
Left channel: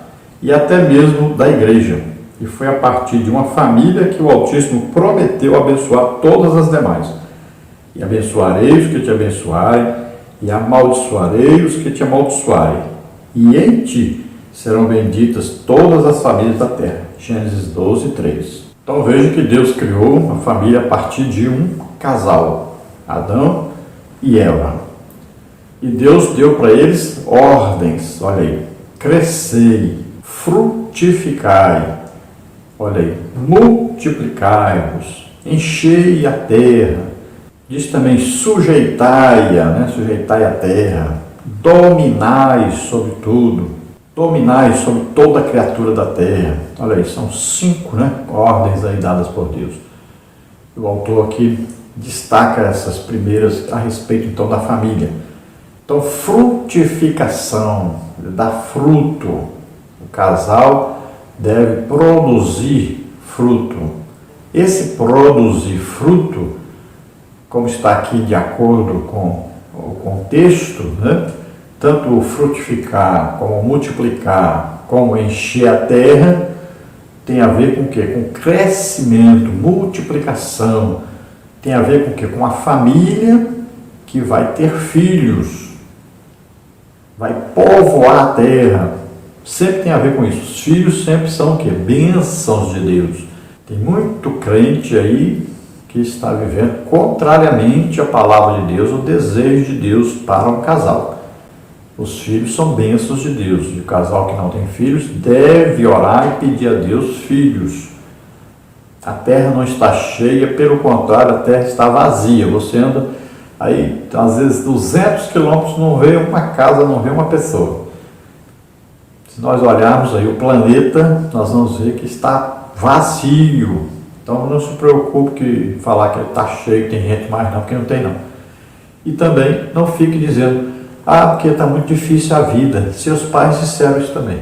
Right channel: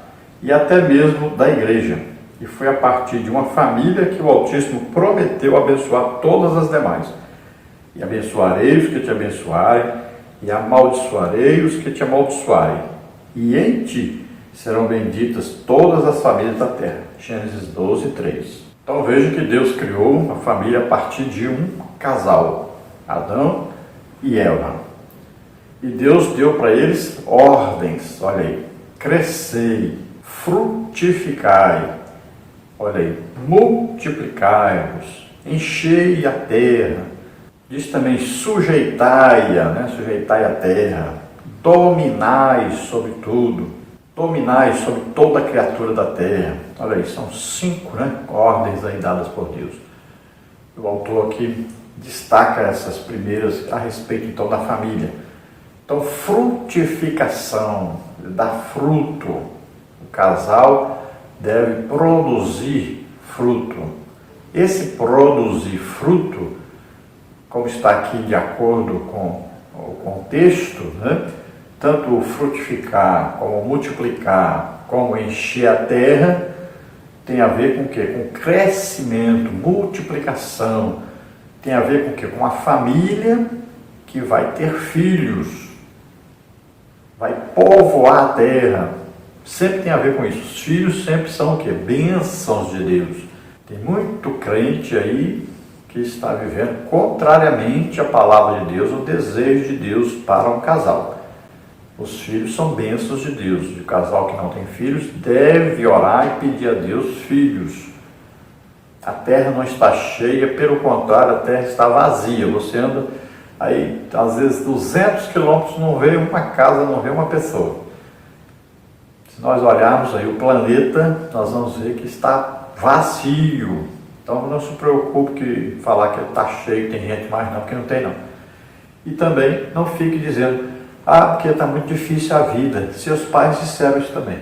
e até mesmo da igreja. E foi a partir de uma família que o Altíssimo prometeu abençoar todas as demais. E abençoarei os que te abençoarem, e amaldiçoarei os que te amaldiçoarem. E em ti serão benditas todas as famílias da terra. Gênesis 12, 3. Então veja que Deus criou uma família a partir de um casal, Adão e Eva. E Deus deu para eles ordens, olha aí, crescei, frutificai, olha aí, multiplicai-vos, enchei a terra, diz também sujeitai-a, né? Sujeitai a terra, dominai sobre tudo, dominai sobre toda a criatura da terra. Olha aí, são 5, né, ordens aí dadas por Deus. O autor aqui destaca essas primeiras a respeito então da família. Então, frutificação, dar fruto. O casal deve produzir fruto. Esse produzir fruto, como está aqui de acordo com o contexto, né? Tanto frutificar, como multiplicar, como encher a terra, tem a ver com o quê? Com crescimento, multiplicação. Tem a ver com o quê? Com a família que vai ter filhos. Vai povoar a terra. Sempre tem a ver com isso. Os filhos sempre são o quê? Bênçãos de Deus. Tem muito crente aí que está vivendo contrariamente à palavra de Deus, o desejo de Deus para um casal. Os filhos são bênçãos de Deus. E o casal que não tem filhos deve orar e pedir a Deus filhos. A terra não está cheia, pelo contrário, a terra está vazia. Você anda aí, às vezes, 200 quilômetros, não vê uma casa, não vê uma pessoa. Se nós olharmos aí o planeta, nós vamos ver que está vazio. Então não se preocupe que falar que está cheio, tem gente mais não, porque não tem não. E também não fique dizendo, porque está muito difícil a vida. Seus pais disseram isso também.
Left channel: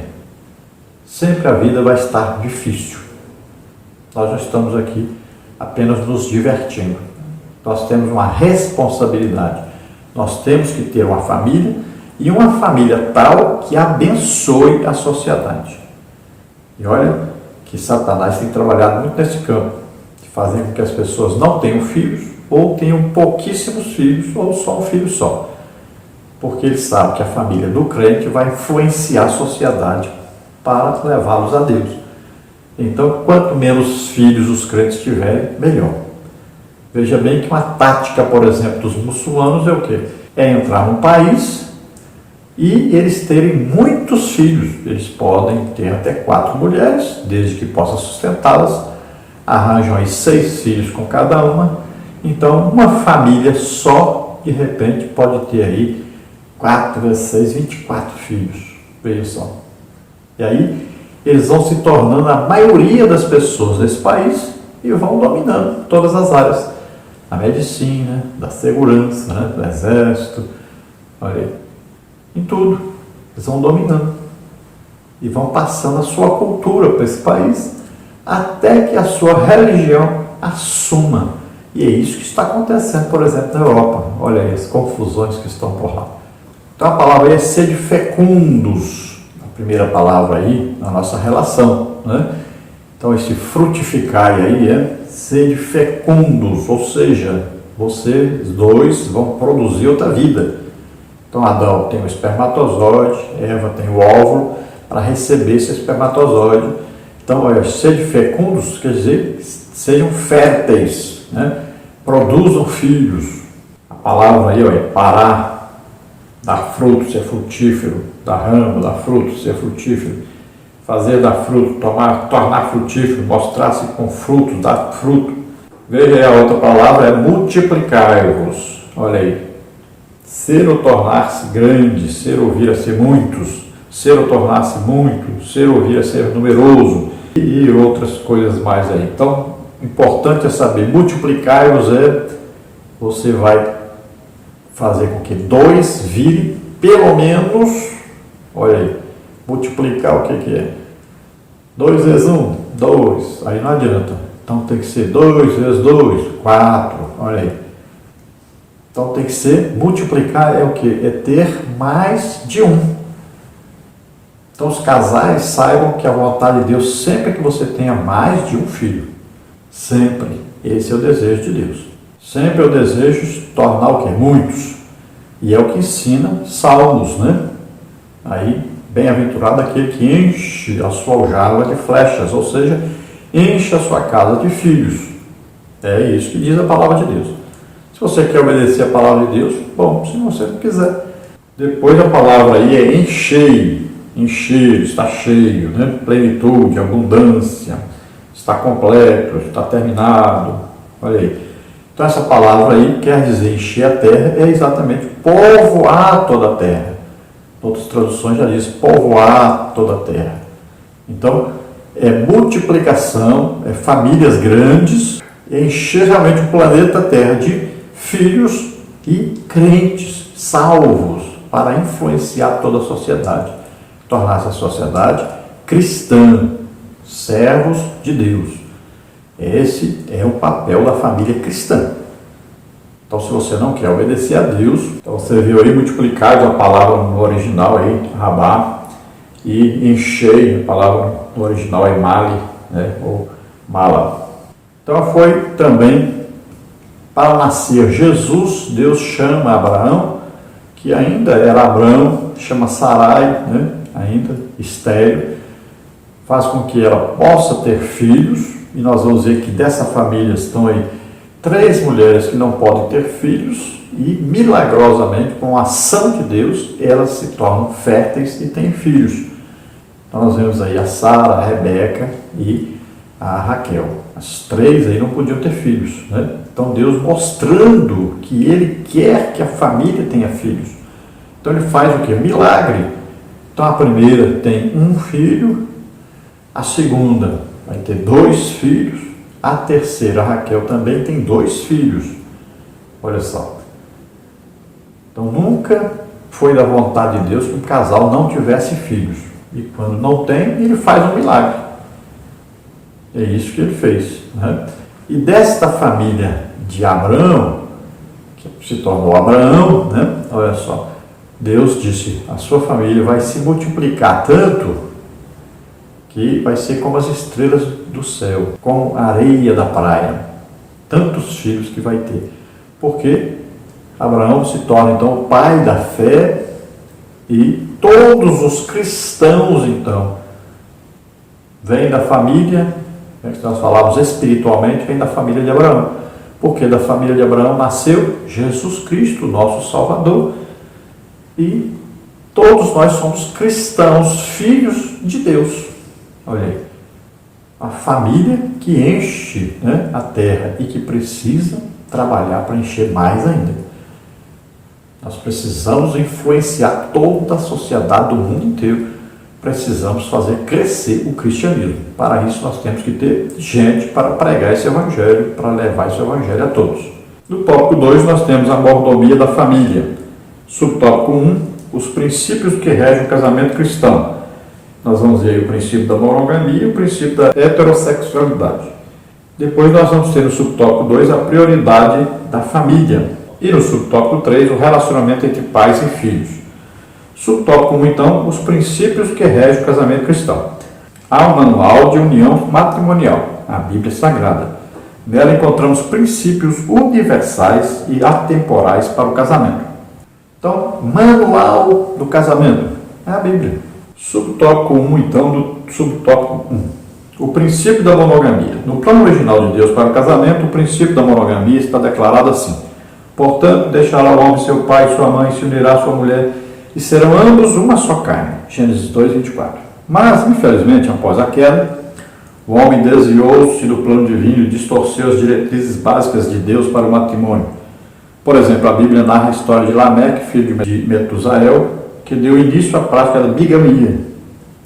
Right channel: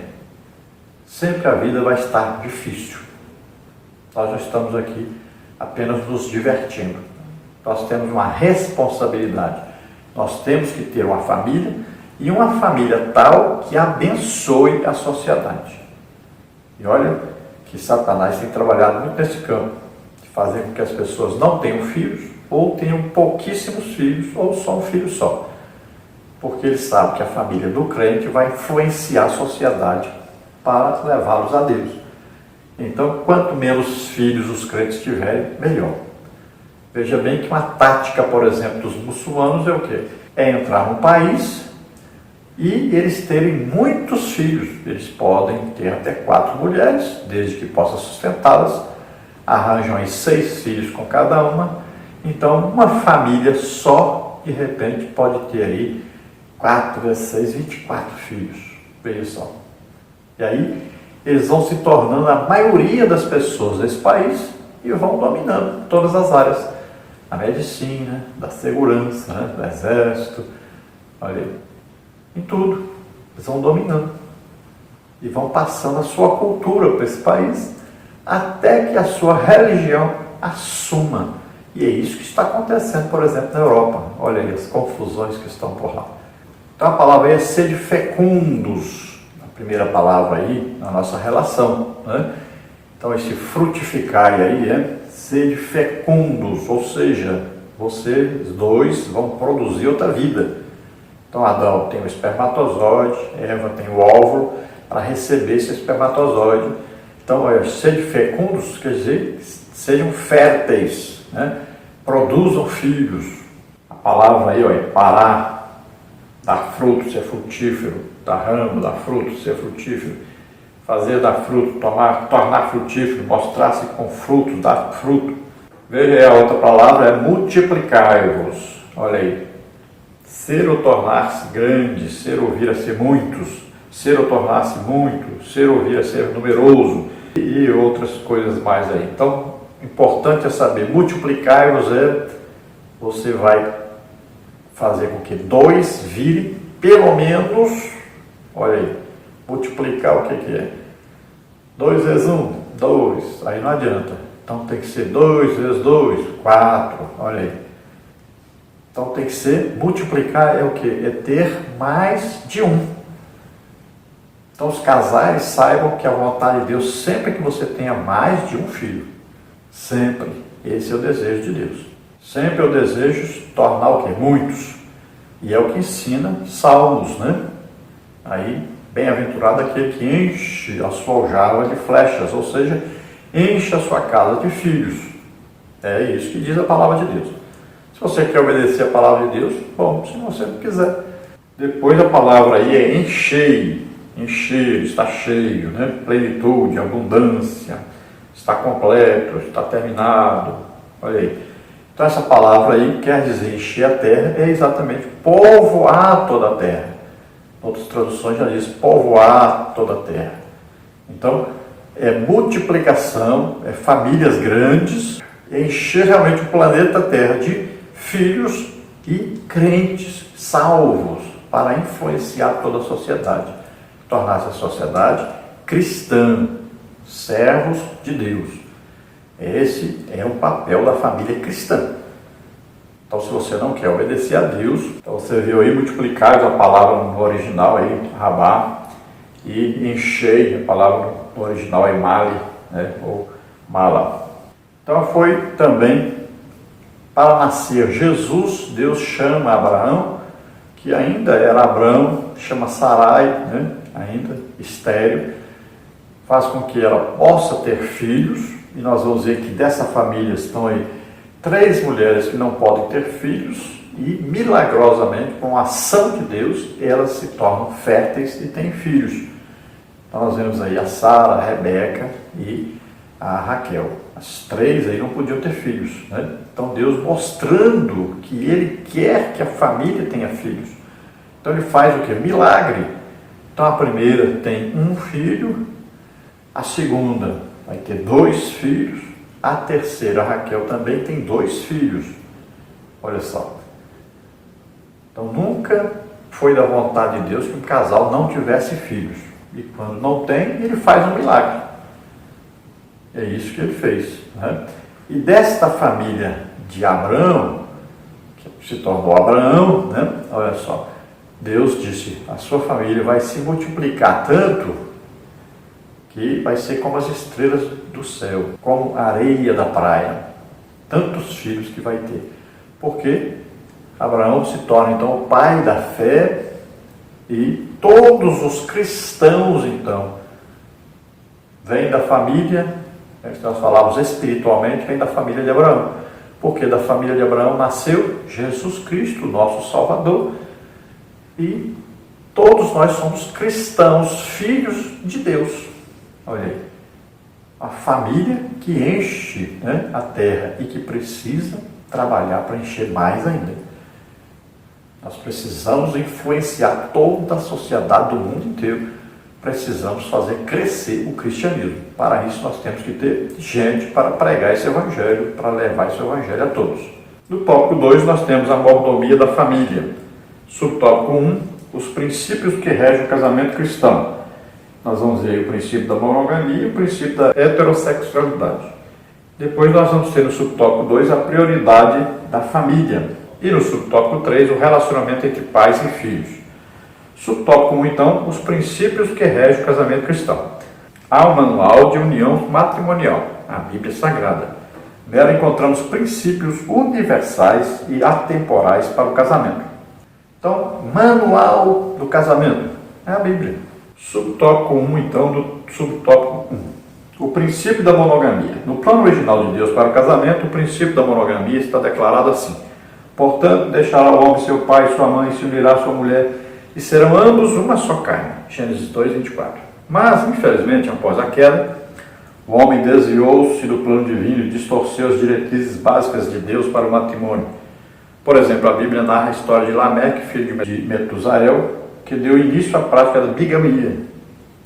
Sempre a vida vai estar difícil. Nós não estamos aqui apenas nos divertindo. Nós temos uma responsabilidade. Nós temos que ter uma família e uma família tal que abençoe a sociedade. E olha que Satanás tem trabalhado muito nesse campo, fazendo com que as pessoas não tenham filhos, ou tenham pouquíssimos filhos, ou só um filho só. Porque ele sabe que a família do crente vai influenciar a sociedade para levá-los a Deus. Então, quanto menos filhos os crentes tiverem, melhor. Veja bem que uma tática, por exemplo, dos muçulmanos é o quê? É entrar num país e eles terem muitos filhos. Eles podem ter até 4 mulheres, desde que possa sustentá-las. Arranjam aí 6 filhos com cada uma. Então, uma família só, de repente, pode ter aí 4 vezes 6, 24 filhos. Veja só. E aí, eles vão se tornando a maioria das pessoas desse país e vão dominando todas as áreas. Da medicina, da segurança, né, do exército, olha aí, em tudo. Eles vão dominando. E vão passando a sua cultura para esse país, até que a sua religião assuma. E é isso que está acontecendo, por exemplo, na Europa. Olha aí as confusões que estão por lá. Então a palavra aí é sede fecundos. A primeira palavra aí, na nossa relação, né? Então esse frutificar aí é sede fecundos, ou seja, vocês dois vão produzir outra vida. Então Adão tem o espermatozoide, Eva tem o óvulo para receber esse espermatozoide. Então sede fecundos quer dizer sejam férteis, né? Produzam filhos. A palavra aí é parar, dar fruto, ser frutífero, dar ramo, dar fruto, ser frutífero. Fazer dar fruto, tornar frutífero, mostrar-se com frutos, dar fruto. Veja aí a outra palavra, é multiplicar-vos. Olha aí. ser ou tornar-se grande, ser ou vir a ser muitos, ser ou tornar-se muito, ser ou vir a ser numeroso e outras coisas mais aí. Então, importante é saber, multiplicar-vos você vai fazer com que 2 vire pelo menos, olha aí, multiplicar o que é? 2 vezes 1, 2, aí não adianta. Então tem que ser 2 vezes 2, 4, olha aí. Então tem que ser, multiplicar é o que? É ter mais de um. Então os casais saibam que a vontade de Deus sempre é que você tenha mais de um filho. Sempre. Esse é o desejo de Deus. Sempre é o desejo de tornar o que? Muitos. E é o que ensina Salmos, né? Aí, bem-aventurado aquele que enche a sua aljava de flechas, ou seja, enche a sua casa de filhos. É isso que diz a palavra de Deus. Se você quer obedecer a palavra de Deus, bom, se você não quiser. Depois a palavra aí é encher, está cheio, né? Plenitude, abundância, está completo, está terminado. Olha aí. Então essa palavra aí quer dizer encher a terra, é exatamente povoar toda a terra. Outras traduções já dizem povoar toda a terra. Então é multiplicação, é famílias grandes, é encher realmente o planeta Terra de filhos e crentes, salvos, para influenciar toda a sociedade. Tornar-se a sociedade cristã, servos de Deus. Esse é o papel da família cristã. Então, se você não quer obedecer a Deus, então você viu aí multiplicar a palavra no original aí, rabá, e encher a palavra no original aí, mali, né, ou mala. Então, foi também para nascer Jesus, Deus chama Abraão, que ainda era Abraão, chama Sarai, né, ainda estéril, faz com que ela possa ter filhos. E nós vamos ver que dessa família estão aí 3 mulheres que não podem ter filhos e, milagrosamente, com a ação de Deus, elas se tornam férteis e têm filhos. Então nós vemos aí a Sara, a Rebeca e a Raquel. As 3 aí não podiam ter filhos, né? Então Deus mostrando que Ele quer que a família tenha filhos. Então Ele faz o quê? Milagre. Então a primeira tem um filho, a segunda vai ter 2 filhos, a terceira, a Raquel, também tem 2 filhos. Olha só. Então nunca foi da vontade de Deus que um casal não tivesse filhos. E quando não tem, ele faz um milagre. É isso que ele fez, né? E desta família de Abraão, que se tornou Abraão, né? Olha só, Deus disse, a sua família vai se multiplicar tanto que vai ser como as estrelas do céu, como a areia da praia. Tantos filhos que vai ter. Porque Abraão se torna então o pai da fé e todos os cristãos então vêm da família, né, que nós falamos espiritualmente, vem da família de Abraão. Porque da família de Abraão nasceu Jesus Cristo, nosso Salvador. E todos nós somos cristãos, filhos de Deus. Olha aí, a família que enche, né, a terra e que precisa trabalhar para encher mais ainda. Nós precisamos influenciar toda a sociedade do mundo inteiro. Precisamos fazer crescer o cristianismo. Para isso nós temos que ter gente para pregar esse evangelho, para levar esse evangelho a todos. No tópico 2 nós temos a mordomia da família. Subtópico 1, os princípios que regem o casamento cristão. Nós vamos ver o princípio da monogamia e o princípio da heterossexualidade. Depois nós vamos ter no subtópico 2 a prioridade da família. E no subtópico 3 o relacionamento entre pais e filhos. Subtópico 1 então, os princípios que regem o casamento cristão. Há um manual de união matrimonial, a Bíblia Sagrada. Nela encontramos princípios universais e atemporais para o casamento. Então, manual do casamento é a Bíblia. Subtópico 1, então, do subtópico 1. O princípio da monogamia. No plano original de Deus para o casamento, o princípio da monogamia está declarado assim. Portanto, deixará o homem seu pai e sua mãe, se unirá à sua mulher, e serão ambos uma só carne. Gênesis 2, 24. Mas, infelizmente, após a queda, o homem desviou-se do plano divino e distorceu as diretrizes básicas de Deus para o matrimônio. Por exemplo, a Bíblia narra a história de Lameque, filho de Metusael, que deu início à prática da bigamia,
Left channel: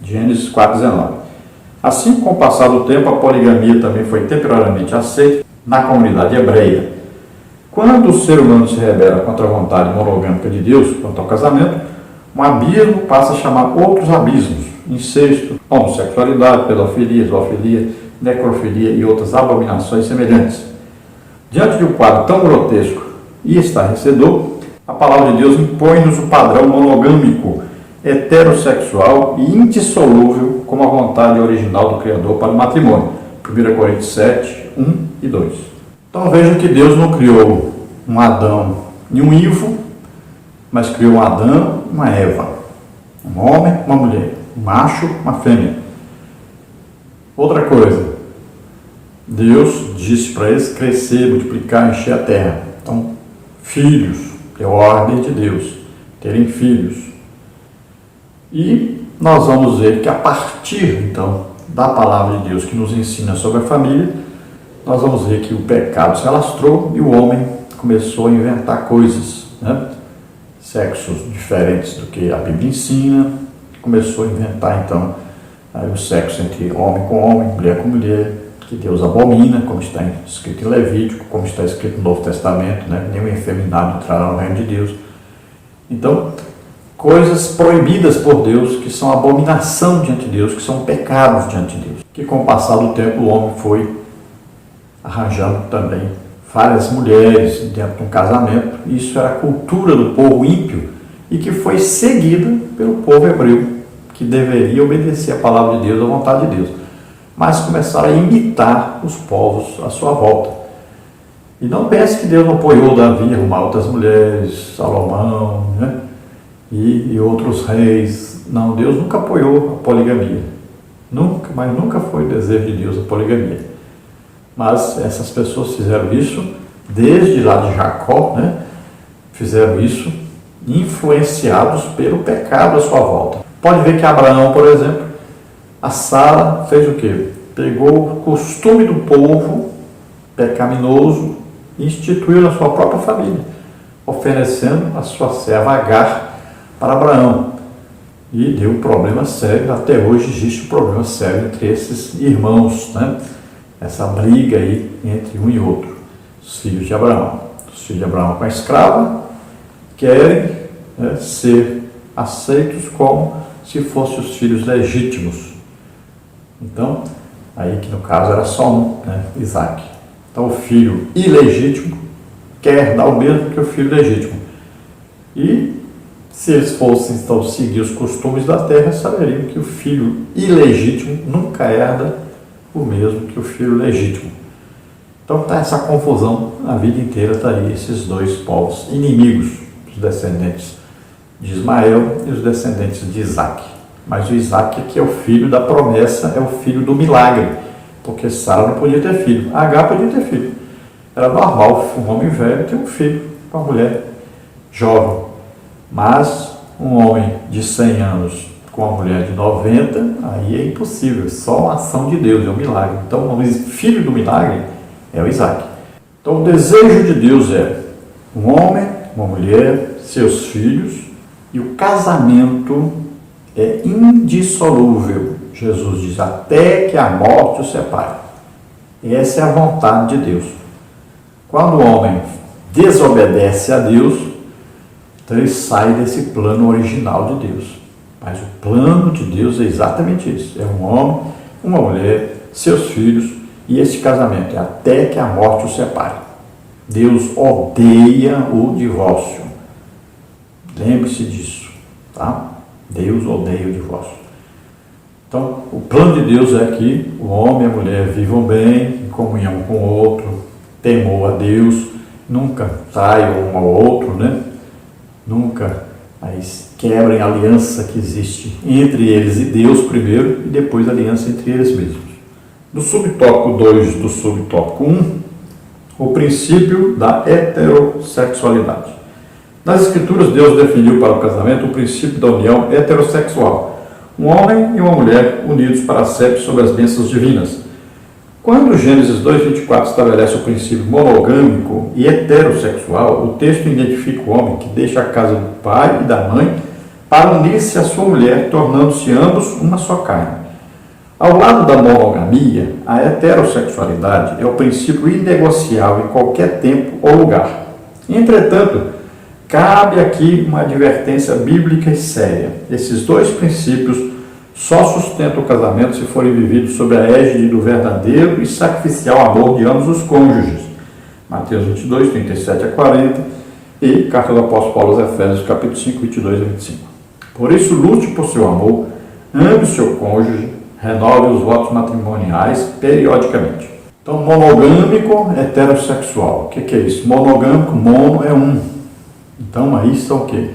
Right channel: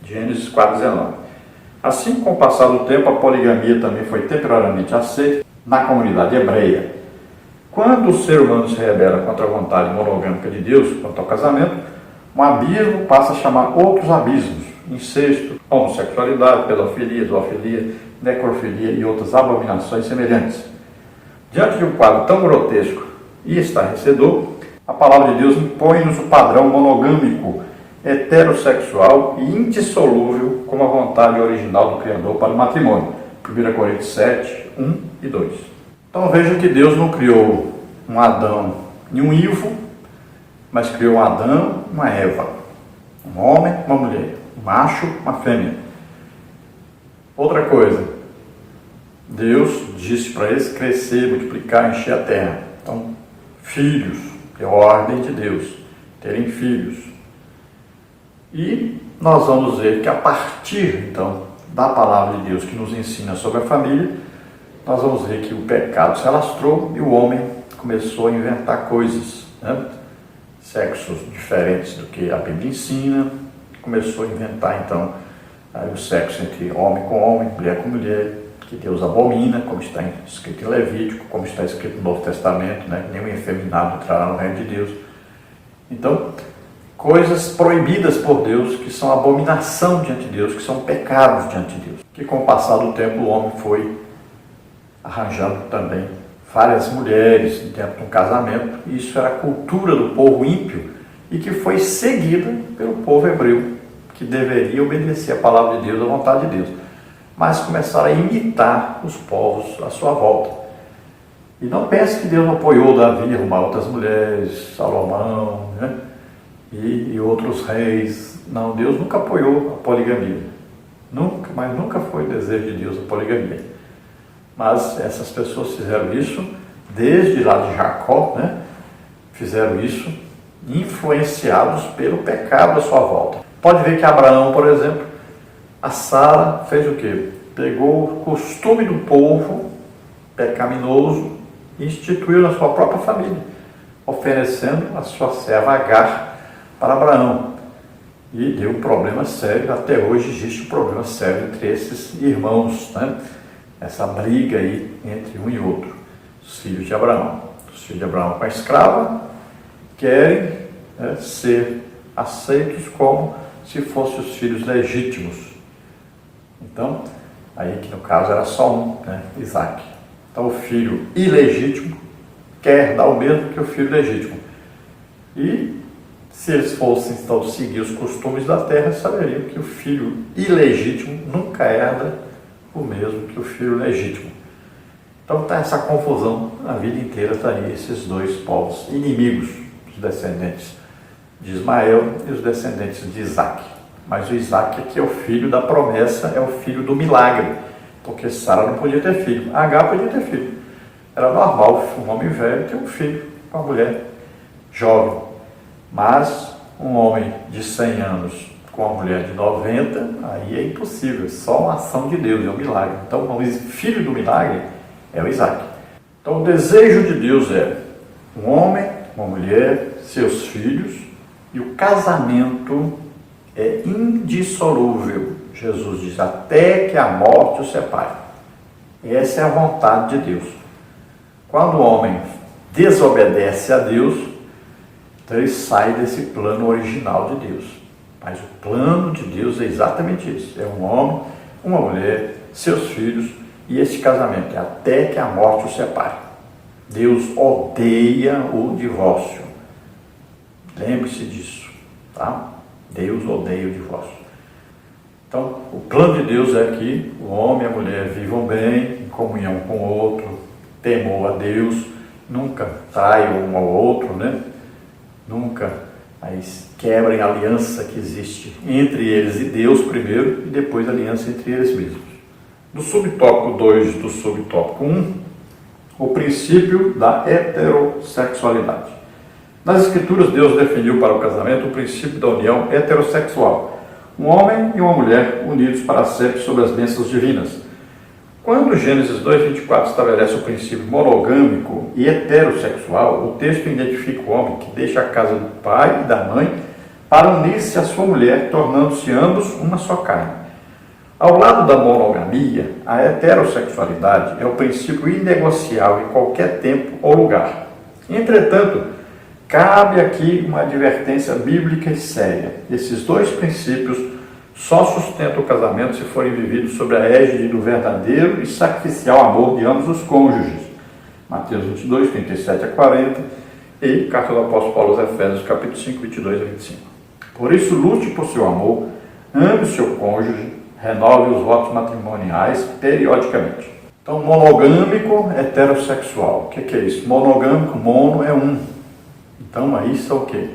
Gênesis 4,19. Assim, com o passar do tempo, a poligamia também foi temporariamente aceita na comunidade hebreia. Quando o ser humano se rebela contra a vontade monogâmica de Deus quanto ao casamento, um abismo passa a chamar outros abismos: incesto, homossexualidade, pedofilia, zoofilia, necrofilia e outras abominações semelhantes. Diante de um quadro tão grotesco e estarrecedor, a palavra de Deus impõe-nos o padrão monogâmico, heterossexual e indissolúvel como a vontade original do Criador para o matrimônio. 1 Coríntios 7, 1 e 2. Então veja que Deus não criou um Adão e um Ivo, mas criou um Adão e uma Eva. Um homem, uma mulher. Um macho, uma fêmea. Outra coisa, Deus disse para eles crescer, multiplicar, encher a terra. Então, filhos, é a ordem de Deus, terem filhos. E nós vamos ver que a partir, então, da palavra de Deus que nos ensina sobre a família, nós vamos ver que o pecado se alastrou e o homem começou a inventar coisas, né? Sexos diferentes do que a Bíblia ensina, começou a inventar, então, o sexo entre homem com homem, mulher com mulher, que Deus abomina, como está escrito em Levítico, como está escrito no Novo Testamento, né? Nenhum efeminado entrará no reino de Deus. Então, coisas proibidas por Deus, que são abominação diante de Deus, que são pecados diante de Deus. Que com o passar do tempo o homem foi arranjando também várias mulheres dentro de um casamento. Isso era a cultura do povo ímpio e que foi seguida pelo povo hebreu, que deveria obedecer a palavra de Deus, a vontade de Deus. Mas começaram a imitar os povos à sua volta. E não pense que Deus apoiou Davi a arrumar outras mulheres, Salomão, né? E outros reis. Não, Deus nunca apoiou a poligamia. Nunca, mas nunca foi o desejo de Deus a poligamia. Mas essas pessoas fizeram isso desde lá de Jacó, né? Fizeram isso influenciados pelo pecado à sua volta. Pode ver que Abraão, por exemplo, a Sara fez o quê? Pegou o costume do povo pecaminoso e instituiu na sua própria família, oferecendo a sua serva Agar para Abraão. E deu um problema sério, até hoje existe um problema sério entre esses irmãos, né? Essa briga aí entre um e outro, os filhos de Abraão. Os filhos de Abraão com a escrava querem, né, ser aceitos como se fossem os filhos legítimos. Então, aí que no caso era só um, né, Isaac. Então o filho ilegítimo quer dar o mesmo que o filho legítimo. E se eles fossem então seguir os costumes da terra, saberiam que o filho ilegítimo nunca herda o mesmo que o filho legítimo. Então está essa confusão a vida inteira, está aí esses dois povos inimigos, os descendentes de Ismael e os descendentes de Isaac. Mas o Isaac, que é o filho da promessa, é o filho do milagre, porque Sara não podia ter filho, Agar podia ter filho. Era normal um homem velho ter um filho com uma mulher jovem, mas um homem de 100 anos com uma mulher de 90, aí é impossível, só uma ação de Deus, é um milagre. Então o filho do milagre é o Isaac. Então o desejo de Deus é um homem, uma mulher, seus filhos, e o casamento é indissolúvel. Jesus diz, até que a morte os separe. Essa é a vontade de Deus. Quando o homem desobedece a Deus, então ele sai desse plano original de Deus. Mas o plano de Deus é exatamente isso. É um homem, uma mulher, seus filhos, e esse casamento é até que a morte os separe. Deus odeia o divórcio. Lembre-se disso, tá? Deus odeia o divórcio. Então, o plano de Deus é que o homem e a mulher vivam bem, em comunhão com o outro, temor a Deus, nunca traiam um ao outro, né? Nunca quebrem a aliança que existe entre eles e Deus primeiro, e depois a aliança entre eles mesmos. No subtópico 2 do subtópico 1, o princípio da heterossexualidade. Nas Escrituras, Deus definiu para o casamento o princípio da união heterossexual. Um homem e uma mulher unidos para sempre sob as bênçãos divinas. Quando Gênesis 2:24 estabelece o princípio monogâmico e heterossexual, o texto identifica o homem que deixa a casa do pai e da mãe para unir-se à sua mulher, tornando-se ambos uma só carne. Ao lado da monogamia, a heterossexualidade é o princípio inegociável em qualquer tempo ou lugar. Entretanto, cabe aqui uma advertência bíblica e séria. Esses dois princípios só sustentam o casamento se forem vividos sob a égide do verdadeiro e sacrificial amor de ambos os cônjuges. Mateus 22, 37 a 40 e Carta do Apóstolo Paulo aos Efésios, capítulo 5, 22 a 25. Por isso, lute por seu amor, ame o seu cônjuge, renove os votos matrimoniais periodicamente. Então, monogâmico, heterossexual. O que é isso? Monogâmico, mono é um. Então, aí são o quê?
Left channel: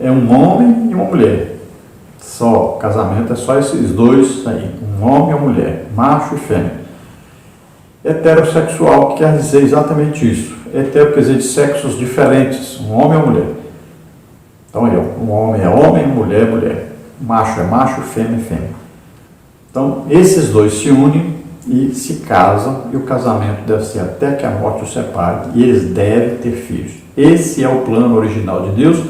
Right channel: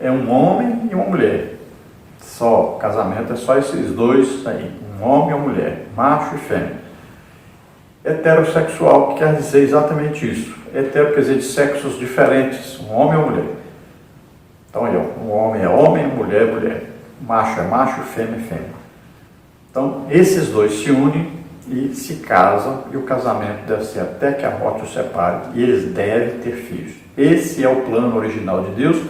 É um homem e uma mulher. Só, casamento é só esses dois aí, um homem e uma mulher, macho e fêmea. Heterossexual quer dizer exatamente isso. Hetero quer dizer de sexos diferentes, um homem e uma mulher. Então aí, ó, um homem é homem, mulher é mulher. Macho é macho, fêmea é fêmea. Então, esses dois se unem e se casam, e o casamento deve ser até que a morte os separe, e eles devem ter filhos. Esse é o plano original de Deus,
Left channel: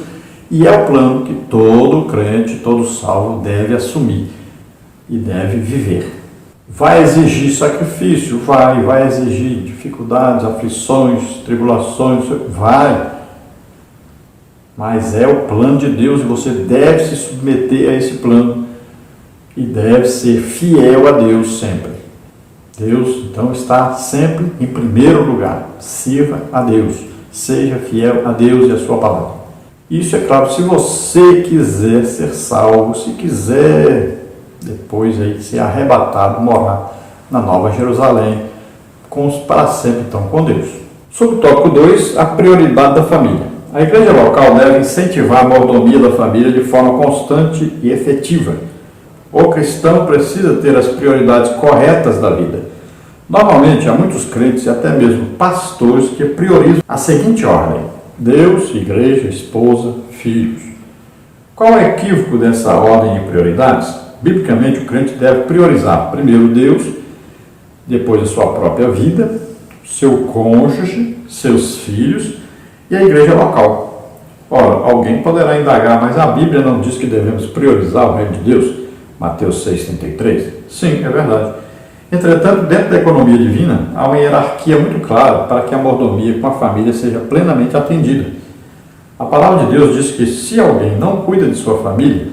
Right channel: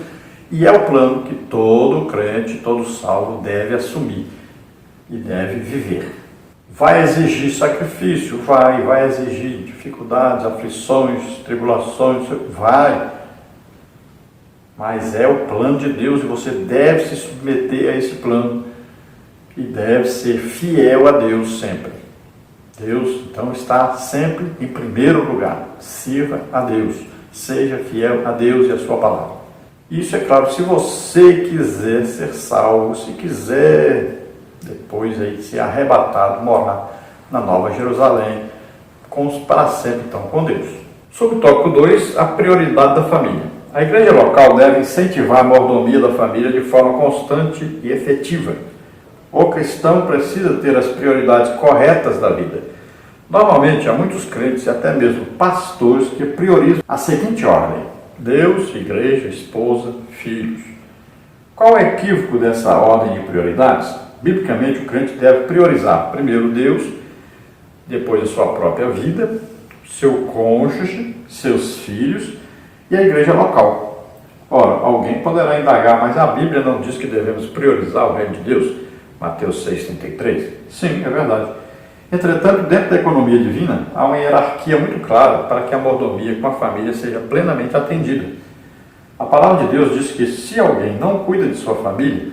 e é o plano que todo crente, todo salvo deve assumir e deve viver. Vai exigir sacrifício? Vai exigir dificuldades, aflições, tribulações, vai. Mas é o plano de Deus e você deve se submeter a esse plano e deve ser fiel a Deus sempre. Deus, então, está sempre em primeiro lugar. Sirva a Deus, seja fiel a Deus e a sua palavra. Isso é claro, se você quiser ser salvo, se quiser depois aí ser arrebatado, morar na Nova Jerusalém, para sempre então com Deus. Sobre o tópico 2, a prioridade da família. A igreja local deve incentivar a mordomia da família de forma constante e efetiva. O cristão precisa ter as prioridades corretas da vida. Normalmente, há muitos crentes e até mesmo pastores que priorizam a seguinte ordem: Deus, igreja, esposa, filhos. Qual é o equívoco dessa ordem de prioridades? Biblicamente, o crente deve priorizar primeiro Deus, depois a sua própria vida, seu cônjuge, seus filhos e a igreja local. Ora, alguém poderá indagar, mas a Bíblia não diz que devemos priorizar o reino de Deus? Mateus 6,33? Sim, é verdade. Entretanto, dentro da economia divina, há uma hierarquia muito clara para que a mordomia com a família seja plenamente atendida. A palavra de Deus diz que se alguém não cuida de sua família,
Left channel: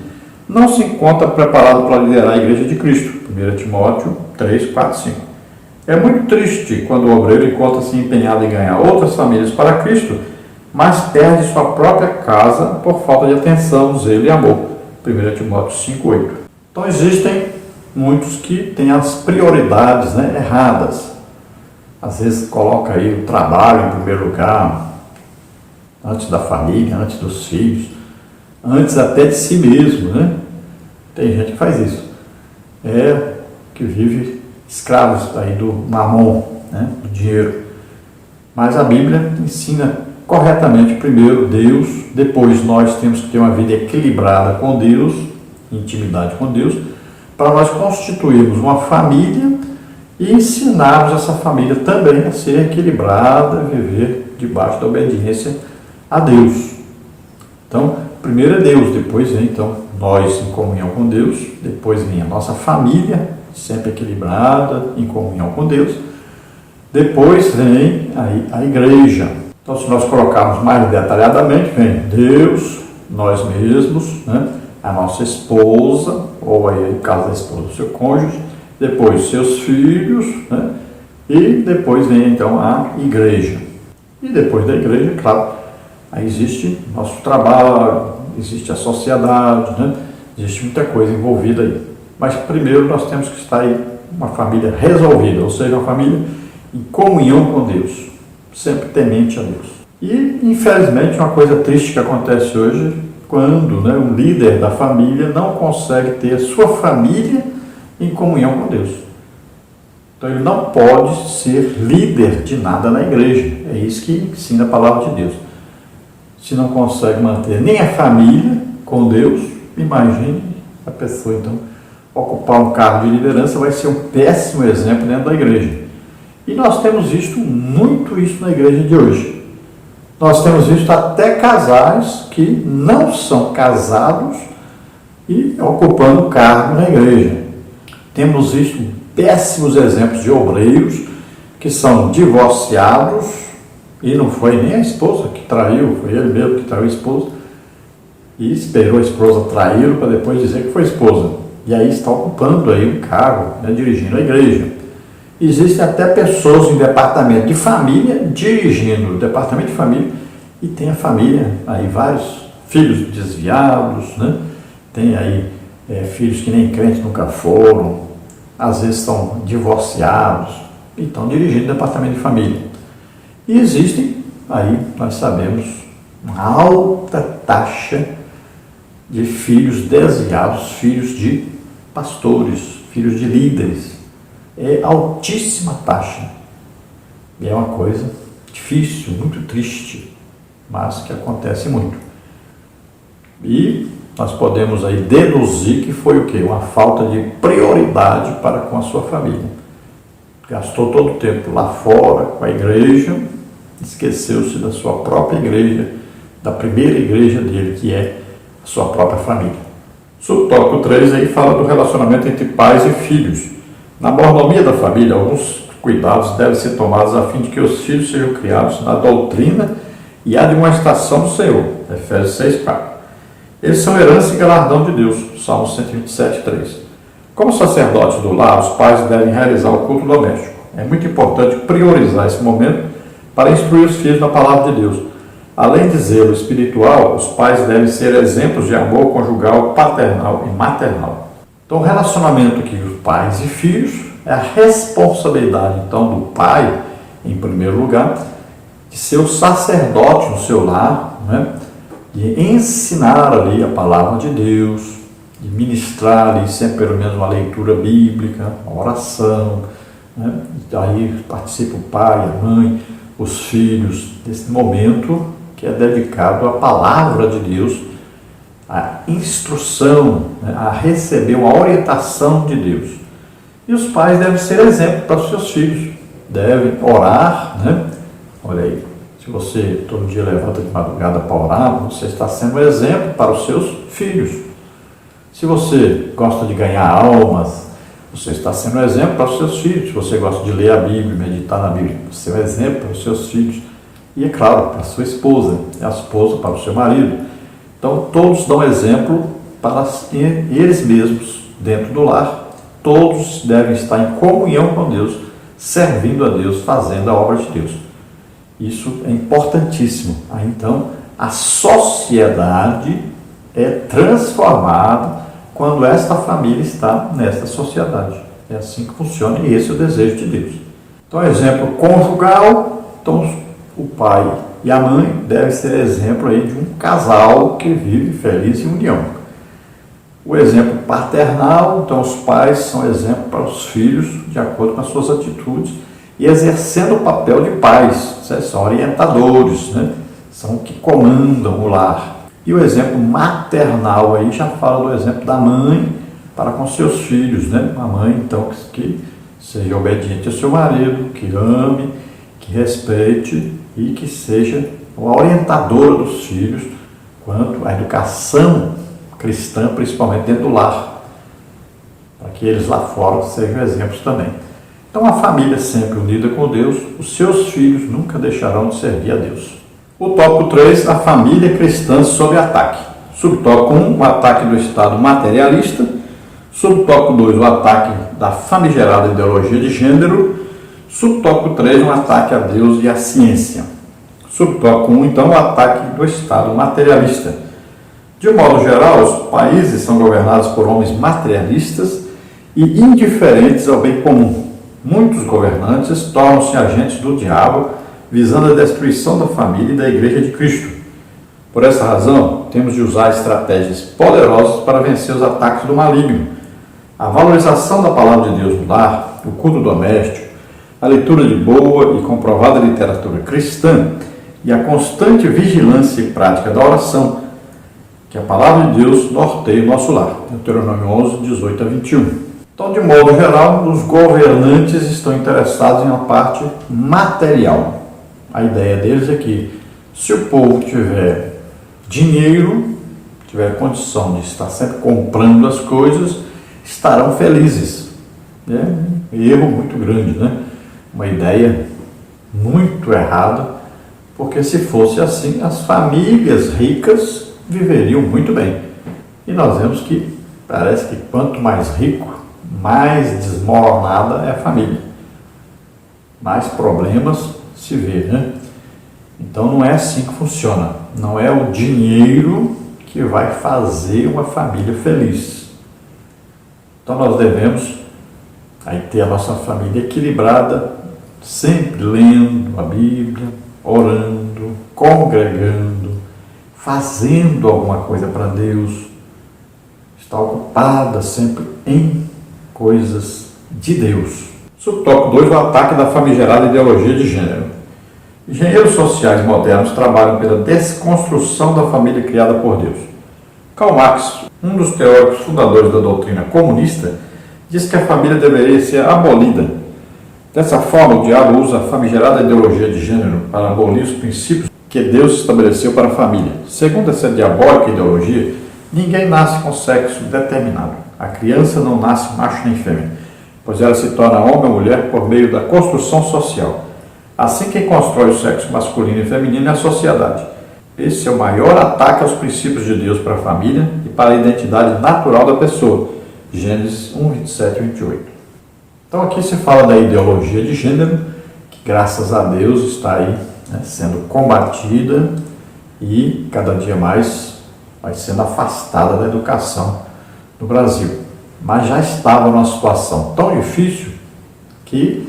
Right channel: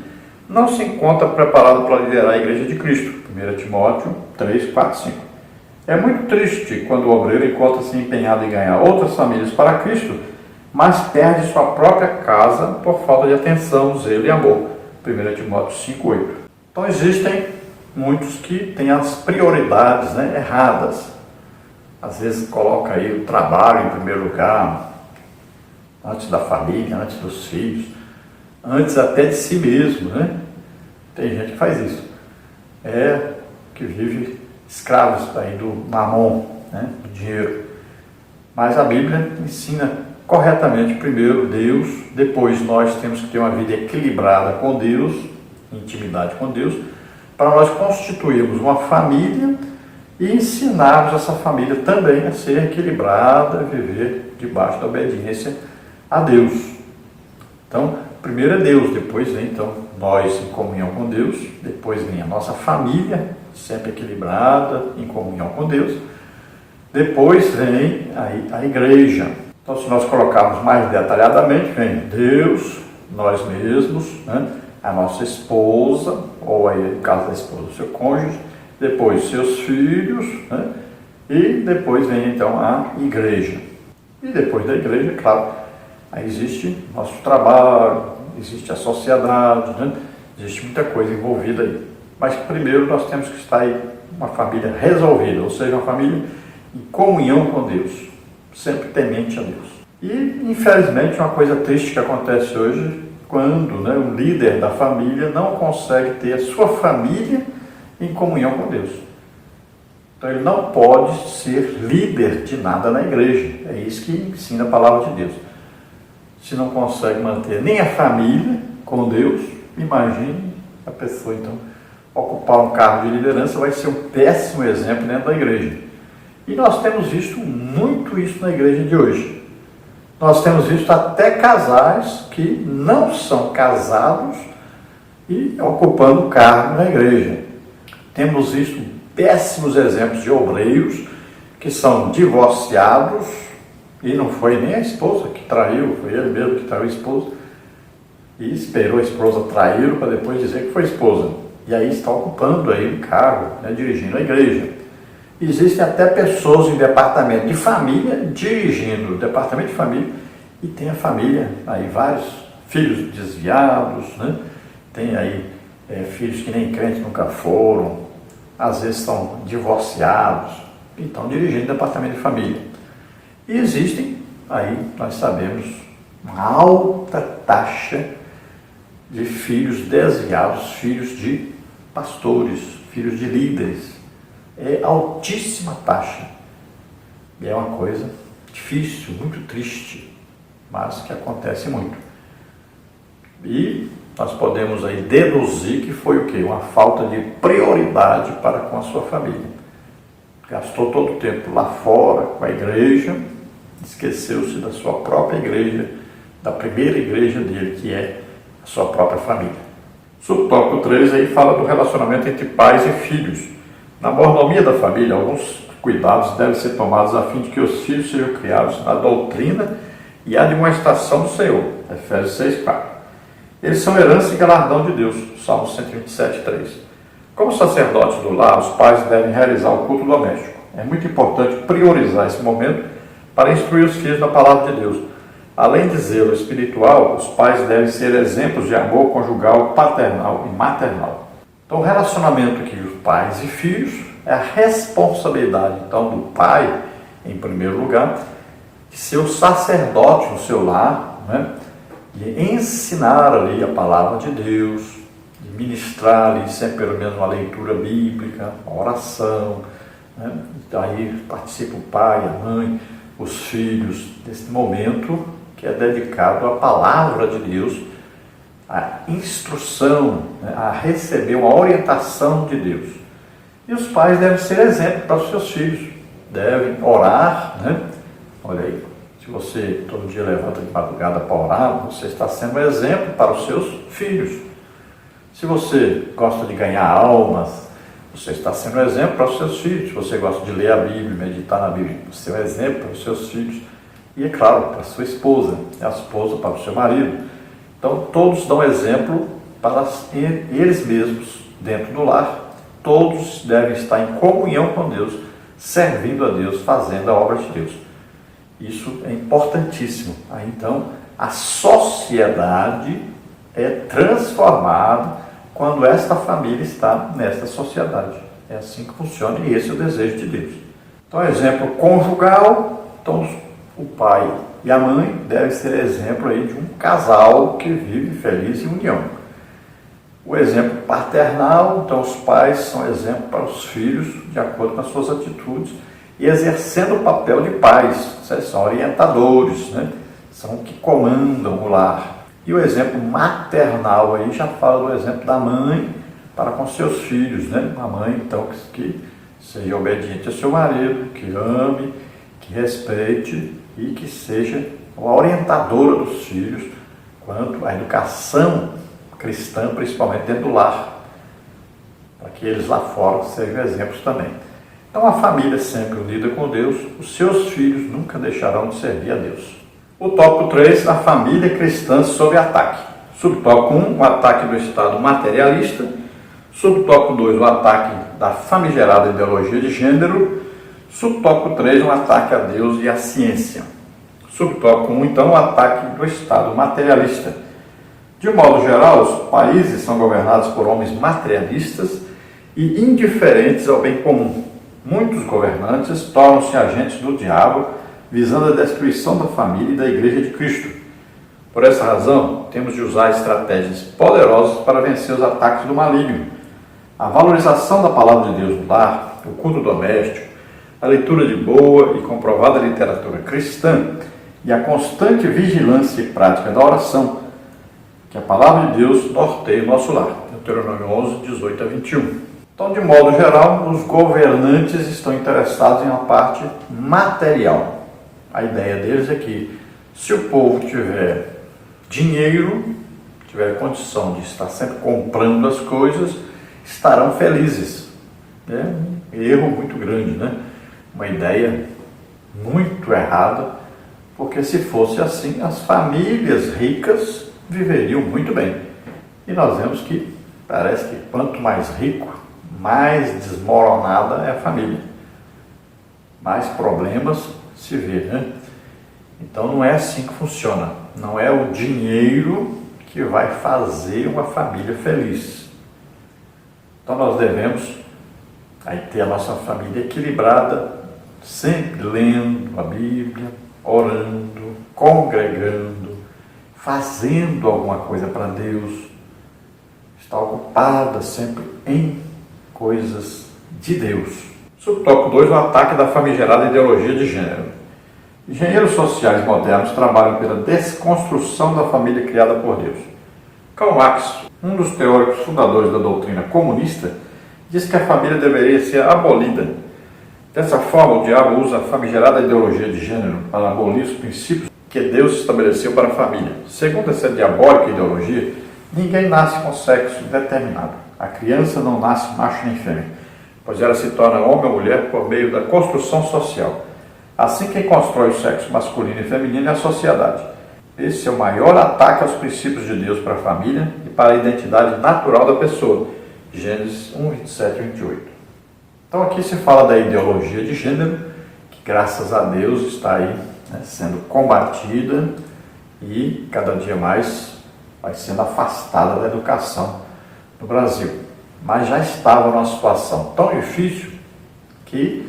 não se encontra preparado para liderar a igreja de Cristo. 1 Timóteo 3, 4, 5. É muito triste quando o obreiro encontra-se empenhado em ganhar outras famílias para Cristo, mas perde sua própria casa por falta de atenção, zelo e amor. 1 Timóteo 5, 8. Então existem muitos que têm as prioridades erradas. Às vezes coloca aí o trabalho em primeiro lugar, antes da família, antes dos filhos, antes até de si mesmo, Tem gente que faz isso. Que vive escravos aí do mamon, do dinheiro. Mas a Bíblia ensina corretamente, primeiro Deus, depois nós temos que ter uma vida equilibrada com Deus, intimidade com Deus, para nós constituirmos uma família e ensinarmos essa família também a ser equilibrada, viver debaixo da obediência a Deus. Então, primeiro é Deus, depois vem então nós em comunhão com Deus, depois vem a nossa família, sempre equilibrada, em comunhão com Deus, depois vem aí a igreja. Então, se nós colocarmos mais detalhadamente, vem Deus, nós mesmos, a nossa esposa, ou aí no caso da esposa, o seu cônjuge, depois seus filhos, e depois vem então a igreja. E depois da igreja, claro, aí existe nosso trabalho, existe a sociedade, existe muita coisa envolvida aí. Mas primeiro nós temos que estar aí uma família resolvida, ou seja, uma família em comunhão com Deus, sempre temente a Deus. E, infelizmente, uma coisa triste que acontece hoje, quando o líder da família não consegue ter a sua família em comunhão com Deus. Então ele não pode ser líder de nada na igreja. É isso que ensina a palavra de Deus. Se não consegue manter nem a família com Deus, imagine a pessoa então ocupar um cargo de liderança, vai ser um péssimo exemplo dentro da igreja. E nós temos visto muito isso na igreja de hoje. Nós temos visto até casais que não são casados e ocupando cargo na igreja. Temos visto péssimos exemplos de obreiros que são divorciados e não foi nem a esposa que traiu, foi ele mesmo que traiu a esposa e esperou a esposa traí-lo para depois dizer que foi a esposa. E aí está ocupando aí um cargo, né, dirigindo a igreja. Existem até pessoas em departamento de família dirigindo o departamento de família e tem a família, aí vários filhos desviados, né? Tem aí filhos que nem crentes nunca foram, às vezes estão divorciados e estão dirigindo o departamento de família. E existem, aí nós sabemos, uma alta taxa de filhos desviados, filhos de pastores, filhos de líderes. É altíssima taxa. E é uma coisa difícil, muito triste, mas que acontece muito. E nós podemos aí deduzir que foi o quê? Uma falta de prioridade para com a sua família. Gastou todo o tempo lá fora com a igreja, esqueceu-se da sua própria igreja, da primeira igreja dele, que é a sua própria família. Subtópico 3 aí fala do relacionamento entre pais e filhos. Na mordomia da família, alguns cuidados devem ser tomados a fim de que os filhos sejam criados na doutrina e admoestação do Senhor. Efésios 6:4. Eles são herança e galardão de Deus. Salmo 127:3. Como sacerdotes do lar, os pais devem realizar o culto doméstico. É muito importante priorizar esse momento para instruir os filhos na palavra de Deus. Além de zelo espiritual, os pais devem ser exemplos de amor conjugal, paternal e maternal. Então, o relacionamento aqui de pais e filhos é a responsabilidade, então, do pai, em primeiro lugar, de ser o sacerdote no seu lar, né? De ensinar ali a palavra de Deus, de ministrar ali sempre pelo menos uma leitura bíblica, uma oração, né? Daí participa o pai, a mãe, os filhos, desse momento que é dedicado à palavra de Deus, à instrução, né? A receber uma orientação de Deus. E os pais devem ser exemplo para os seus filhos, devem orar, né? Olha aí, se você todo dia levanta de madrugada para orar, você está sendo um exemplo para os seus filhos. Se você gosta de ganhar almas, você está sendo um exemplo para os seus filhos. Se você gosta de ler a Bíblia, meditar na Bíblia, você é um exemplo para os seus filhos. E, é claro, para a sua esposa, a esposa para o seu marido. Então, todos dão exemplo para eles mesmos dentro do lar. Todos devem estar em comunhão com Deus, servindo a Deus, fazendo a obra de Deus. Isso é importantíssimo. Aí, então, a sociedade é transformada quando esta família está nesta sociedade. É assim que funciona e esse é o desejo de Deus. Então, exemplo conjugal. Então, o pai e a mãe devem ser exemplo aí de um casal que vive feliz em união. O exemplo paternal. Então, os pais são exemplo para os filhos de acordo com as suas atitudes e exercendo o papel de pais. São orientadores, né? São que comandam o lar. E o exemplo maternal aí já fala do exemplo da mãe para com seus filhos, né? Uma mãe, então, que seja obediente ao seu marido, que ame, que respeite e que seja uma orientadora dos filhos quanto à educação cristã, principalmente dentro do lar, para que eles lá fora sejam exemplos também. Então, a família sempre unida com Deus, os seus filhos nunca deixarão de servir a Deus. O tópico 3, a família cristã sob ataque. Subtópico 1, o ataque do Estado materialista. Subtópico 2, o ataque da famigerada ideologia de gênero. Subtópico 3, um ataque a Deus e à ciência. Subtópico 1, então, o ataque do Estado materialista. De um modo geral, os países são governados por homens materialistas e indiferentes ao bem comum. Muitos governantes tornam-se agentes do diabo, visando a destruição da família e da Igreja de Cristo. Por essa razão, temos de usar estratégias poderosas para vencer os ataques do maligno. A valorização da palavra de Deus no lar, o culto doméstico, a leitura de boa e comprovada literatura cristã e a constante vigilância e prática da oração, que a palavra de Deus norteia o nosso lar. Deuteronômio 11, 18 a 21. Então, de modo geral, os governantes estão interessados em uma parte material. A ideia deles é que, se o povo tiver dinheiro, tiver condição de estar sempre comprando as coisas, estarão felizes. É um erro muito grande, né? Uma ideia muito errada, porque se fosse assim, as famílias ricas viveriam muito bem. E nós vemos que parece que quanto mais rico, mais desmoronada é a família. Mais problemas se vê, né? Então não é assim que funciona. Não é o dinheiro que vai fazer uma família feliz. Então nós devemos aí ter a nossa família equilibrada, sempre lendo a Bíblia, orando, congregando, fazendo alguma coisa para Deus, estar ocupada sempre em coisas de Deus. Subtópico 2, o ataque da famigerada ideologia de gênero. Engenheiros sociais modernos trabalham pela desconstrução da família criada por Deus. Karl Marx, um dos teóricos fundadores da doutrina comunista, diz que a família deveria ser abolida. Dessa forma, o diabo usa a famigerada ideologia de gênero para abolir os princípios que Deus estabeleceu para a família. Segundo essa diabólica ideologia, ninguém nasce com sexo determinado. A criança não nasce macho nem fêmea, pois ela se torna homem ou mulher por meio da construção social. Assim, quem constrói o sexo masculino e feminino é a sociedade. Esse é o maior ataque aos princípios de Deus para a família e para a identidade natural da pessoa. Gênesis 1, 27 e 28. Então aqui se fala da ideologia de gênero, que graças a Deus está aí, né, sendo combatida e cada dia mais vai sendo afastada da educação no Brasil. Mas já estava numa situação tão difícil que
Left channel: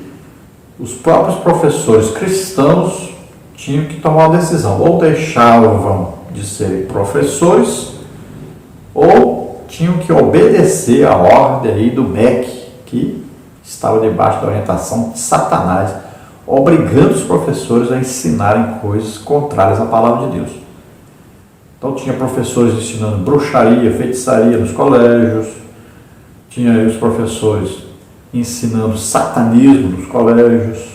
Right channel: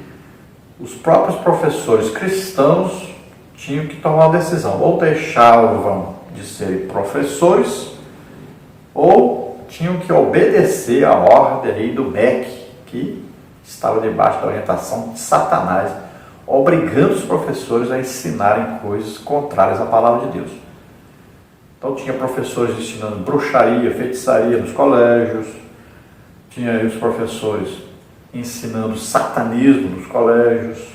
os próprios professores cristãos tinham que tomar uma decisão. Ou deixavam de ser professores, ou tinham que obedecer a ordem aí do MEC, que estava debaixo da orientação de Satanás, obrigando os professores a ensinarem coisas contrárias à palavra de Deus. Então tinha professores ensinando bruxaria, feitiçaria nos colégios, tinha aí os professores ensinando satanismo nos colégios,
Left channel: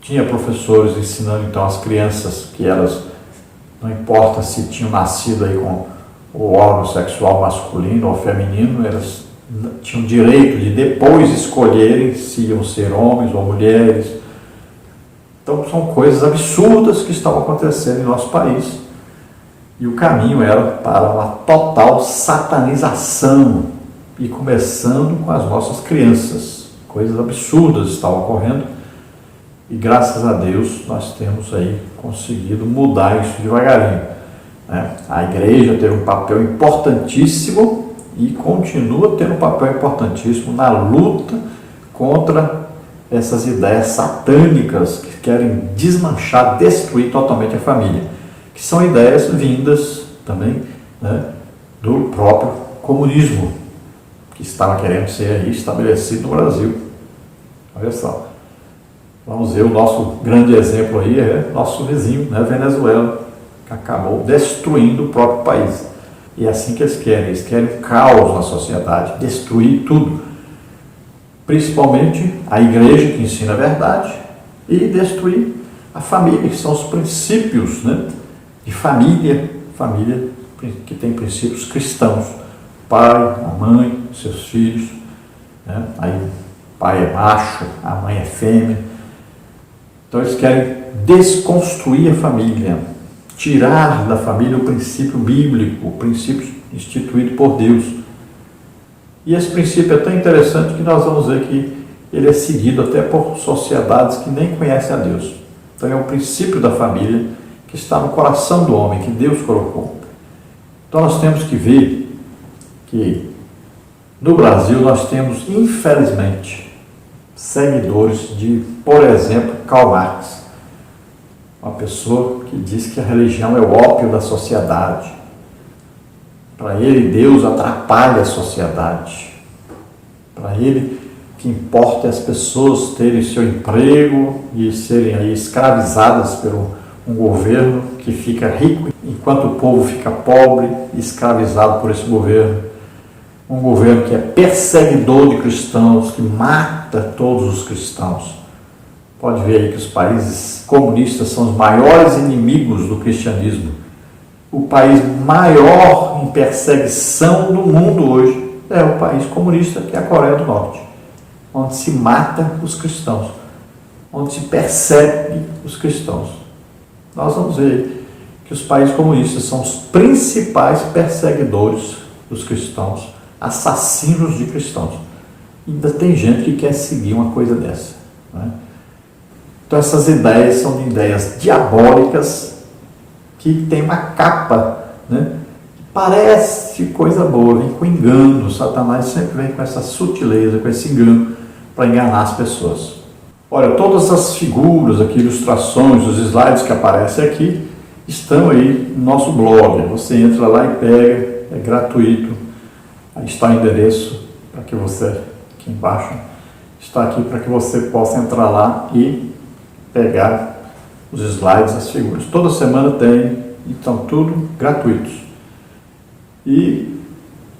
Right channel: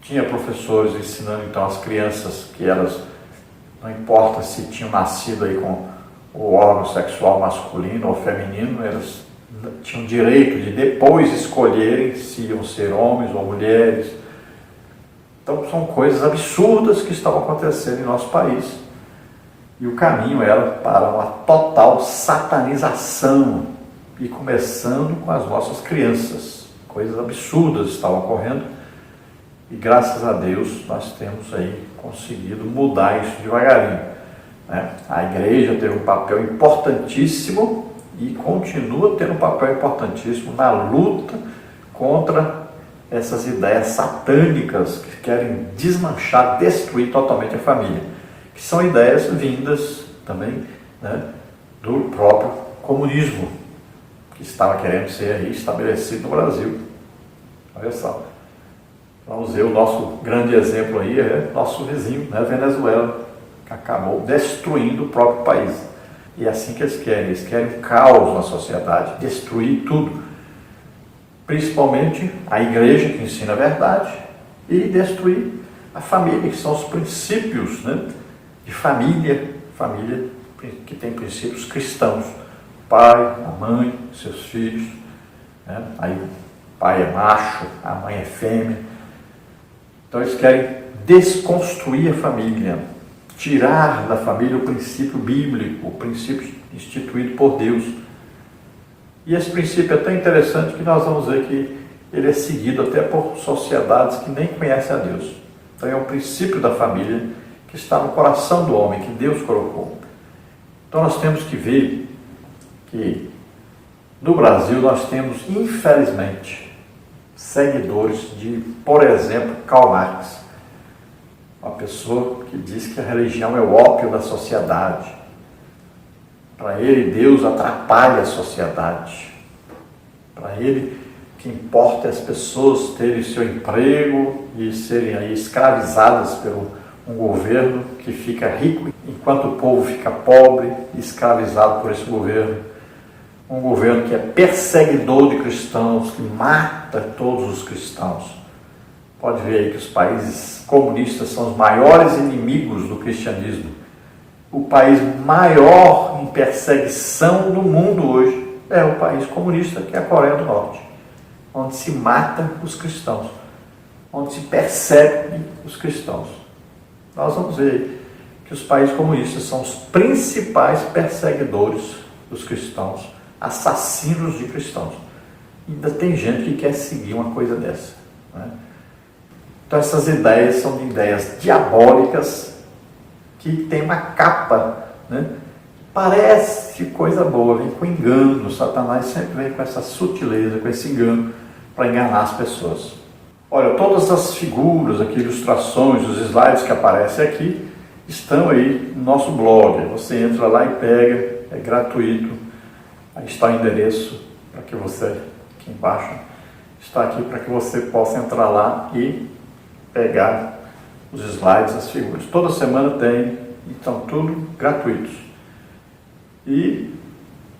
tinha professores ensinando então as crianças que elas, não importa se tinham nascido aí com o órgão sexual masculino ou feminino, elas tinham direito de depois escolherem se iam ser homens ou mulheres. Então são coisas absurdas que estavam acontecendo em nosso país e o caminho era para uma total satanização e começando com as nossas crianças. Coisas absurdas estavam ocorrendo e graças a Deus nós temos aí conseguido mudar isso devagarinho, né? A igreja teve um papel importantíssimo e continua tendo um papel importantíssimo na luta contra essas ideias satânicas que querem desmanchar, destruir totalmente a família, que são ideias vindas também, né, do próprio comunismo, que estava querendo ser estabelecido no Brasil. Olha só. Vamos ver, o nosso grande exemplo aí é nosso vizinho, né, Venezuela, que acabou destruindo o próprio país. E é assim que eles querem um caos na sociedade, destruir tudo. Principalmente a igreja que ensina a verdade e destruir a família, que são os princípios, né, de família que tem princípios cristãos. Pai, a mãe, seus filhos, né? Aí o pai é macho, a mãe é fêmea. Então eles querem desconstruir a família, tirar da família o princípio bíblico, o princípio instituído por Deus. E esse princípio é tão interessante que nós vamos ver que ele é seguido até por sociedades que nem conhecem a Deus. Então é o princípio da família que está no coração do homem, que Deus colocou. Então nós temos que ver que no Brasil nós temos, infelizmente, seguidores de, por exemplo, Karl Marx, uma pessoa que diz que a religião é o ópio da sociedade. Para ele, Deus atrapalha a sociedade. Para ele, o que importa é as pessoas terem seu emprego e serem aí escravizadas por um governo que fica rico, enquanto o povo fica pobre e escravizado por esse governo. um governo que é perseguidor de cristãos, que mata todos os cristãos. Pode ver aí que os países comunistas são os maiores inimigos do cristianismo. O país maior em perseguição do mundo hoje é o país comunista, que é a Coreia do Norte, onde se mata os cristãos, onde se persegue os cristãos. Nós vamos ver que os países comunistas são os principais perseguidores dos cristãos, assassinos de cristãos. Ainda tem gente que quer seguir uma coisa dessa, né? Então essas ideias são de ideias diabólicas que tem uma capa, né? Que parece coisa boa, vem com engano. Satanás sempre vem com essa sutileza, com esse engano para enganar as pessoas. Olha, todas as figuras aqui, ilustrações, os slides que aparecem aqui, estão aí no nosso blog. Você entra lá e pega, é gratuito. Aí está o endereço para que você, aqui embaixo, está aqui para que você possa entrar lá e pegar os slides, as figuras. Toda semana tem, então tudo gratuitos. E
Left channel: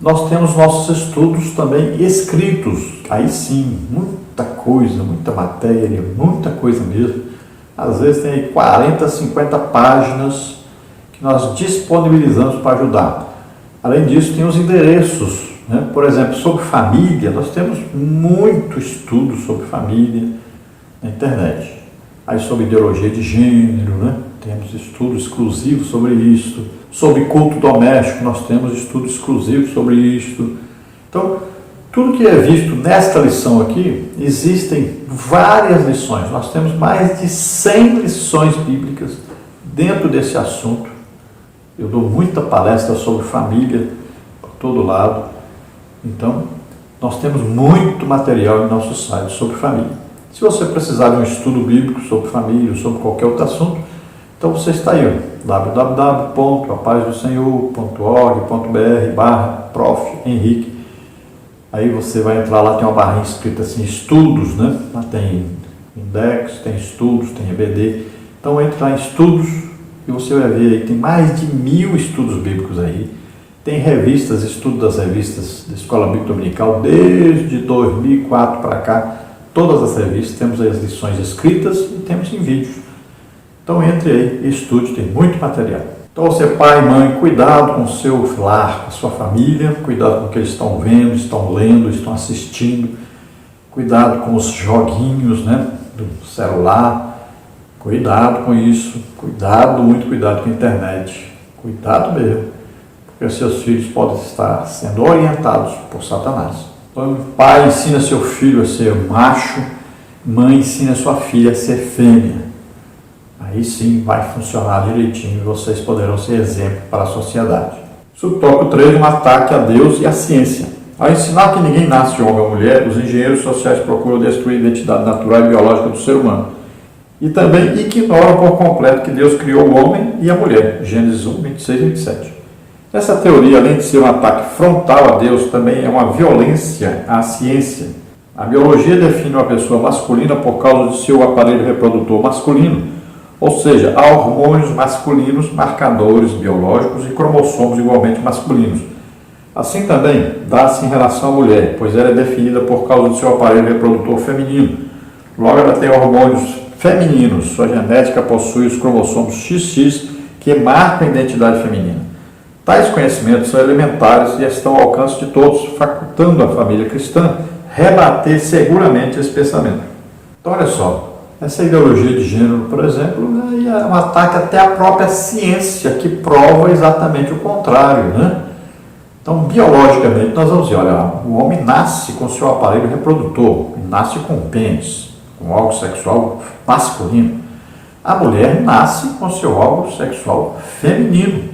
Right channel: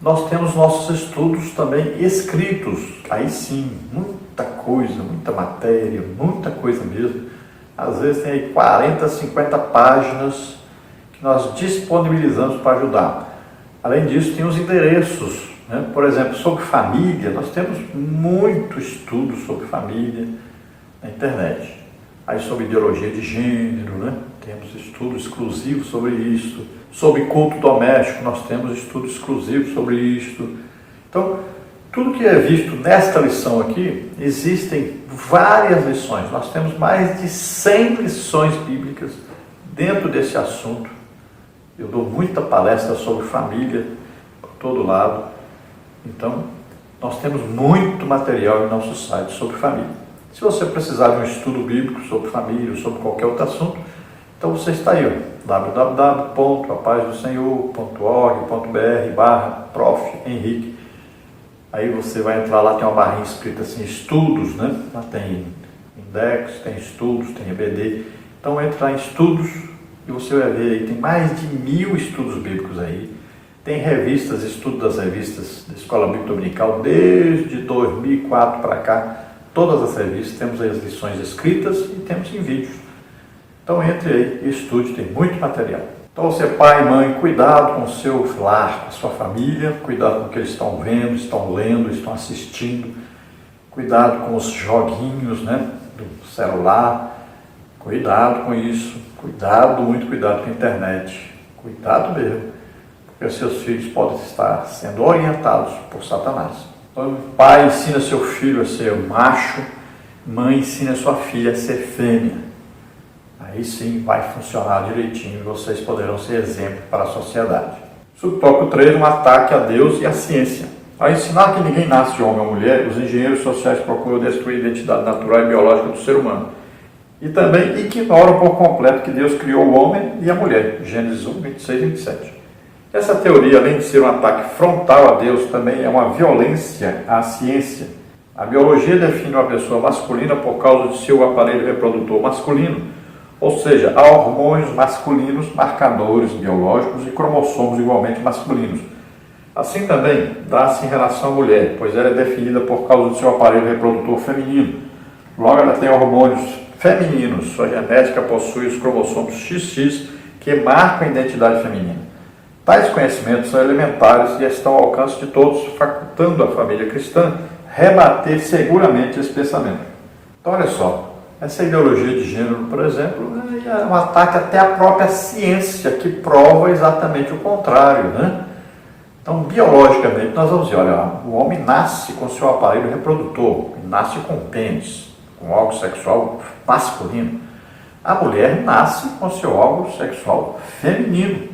nós temos nossos estudos também escritos. Aí sim, muita coisa, muita matéria, muita coisa mesmo. Às vezes tem aí 40, 50 páginas que nós disponibilizamos para ajudar. Além disso, tem os endereços, né? Por exemplo, sobre família, nós temos muito estudo sobre família na internet. Aí sobre ideologia de gênero, né? Temos estudo exclusivo sobre isso. Sobre culto doméstico, nós temos estudo exclusivo sobre isso. Então, tudo que é visto nesta lição aqui, existem várias lições. Nós temos mais de 100 lições bíblicas dentro desse assunto. Eu dou muita palestra sobre família por todo lado. Então, nós temos muito material em nosso site sobre família. Se você precisar de um estudo bíblico sobre família ou sobre qualquer outro assunto, então você está aí, www.apazdocsenhor.org.br/Prof. Henrique. Aí você vai entrar lá, tem uma barrinha escrita assim, estudos, né? Lá tem index, tem estudos, tem EBD. Então entra lá em estudos e você vai ver aí, tem mais de 1000 estudos bíblicos aí. Tem revistas, estudo das revistas da Escola Bíblica Dominical, desde 2004 para cá. Todas as revistas, temos aí as lições escritas e temos em vídeos. Então entre aí e estude, tem muito material. Então você, pai e mãe, cuidado com o seu lar, com a sua família, cuidado com o que eles estão vendo, estão lendo, estão assistindo, cuidado com os joguinhos, né, do celular, cuidado com isso, cuidado, muito cuidado com a internet, cuidado mesmo, porque seus filhos podem estar sendo orientados por Satanás. Então, pai ensina seu filho a ser macho, mãe ensina sua filha a ser fêmea. Aí sim vai funcionar direitinho e vocês poderão ser exemplo para a sociedade. Subtópico 3, um ataque a Deus e à ciência. Ao ensinar que ninguém nasce homem ou mulher, os engenheiros sociais procuram destruir a identidade natural e biológica do ser humano. E também ignoram por completo que Deus criou o homem e a mulher. Gênesis 1, 26 e 27. Essa teoria, além de ser um ataque frontal a Deus, também é uma violência à ciência. A biologia define uma pessoa masculina por causa de seu aparelho reprodutor masculino, ou seja, há hormônios masculinos, marcadores biológicos e cromossomos igualmente masculinos. Assim também dá-se em relação à mulher, pois ela é definida por causa do seu aparelho reprodutor feminino. Logo, ela tem hormônios femininos, sua genética possui os cromossomos XX que marcam a identidade feminina. Tais conhecimentos são elementares e estão ao alcance de todos, facultando a família cristã rebater seguramente esse pensamento. Então, olha só, essa ideologia de gênero, por exemplo, é um ataque até à própria ciência, que prova exatamente o contrário, né? Então, biologicamente, nós vamos dizer, olha, o homem nasce com seu aparelho reprodutor, nasce com pênis, com órgão sexual masculino. A mulher nasce com seu órgão sexual feminino.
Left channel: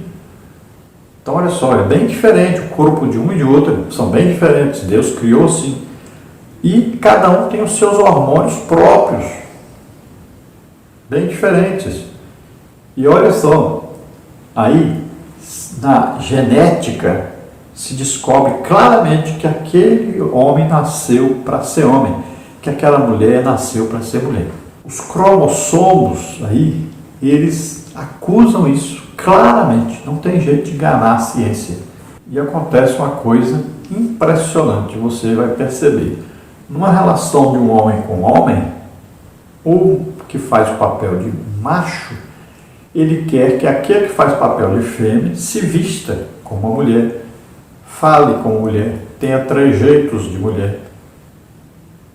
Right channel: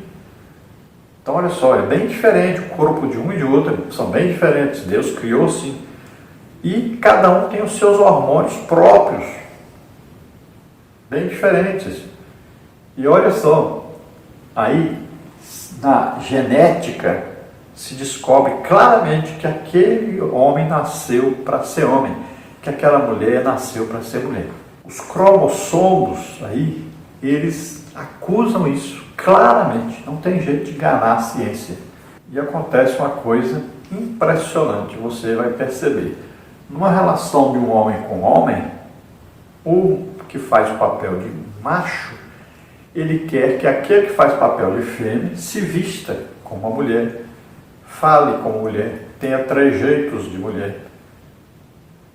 Então, olha só, é bem diferente, o corpo de um e de outro são bem diferentes, Deus criou assim. E cada um tem os seus hormônios próprios, bem diferentes. E olha só, aí, na genética, se descobre claramente que aquele homem nasceu para ser homem, que aquela mulher nasceu para ser mulher. Os cromossomos aí, eles acusam isso claramente, não tem jeito de enganar a ciência. E acontece uma coisa impressionante, você vai perceber. Numa relação de um homem com homem, o que faz o papel de macho, ele quer que aquele que faz o papel de fêmea se vista como uma mulher, fale como mulher, tenha trejeitos de mulher,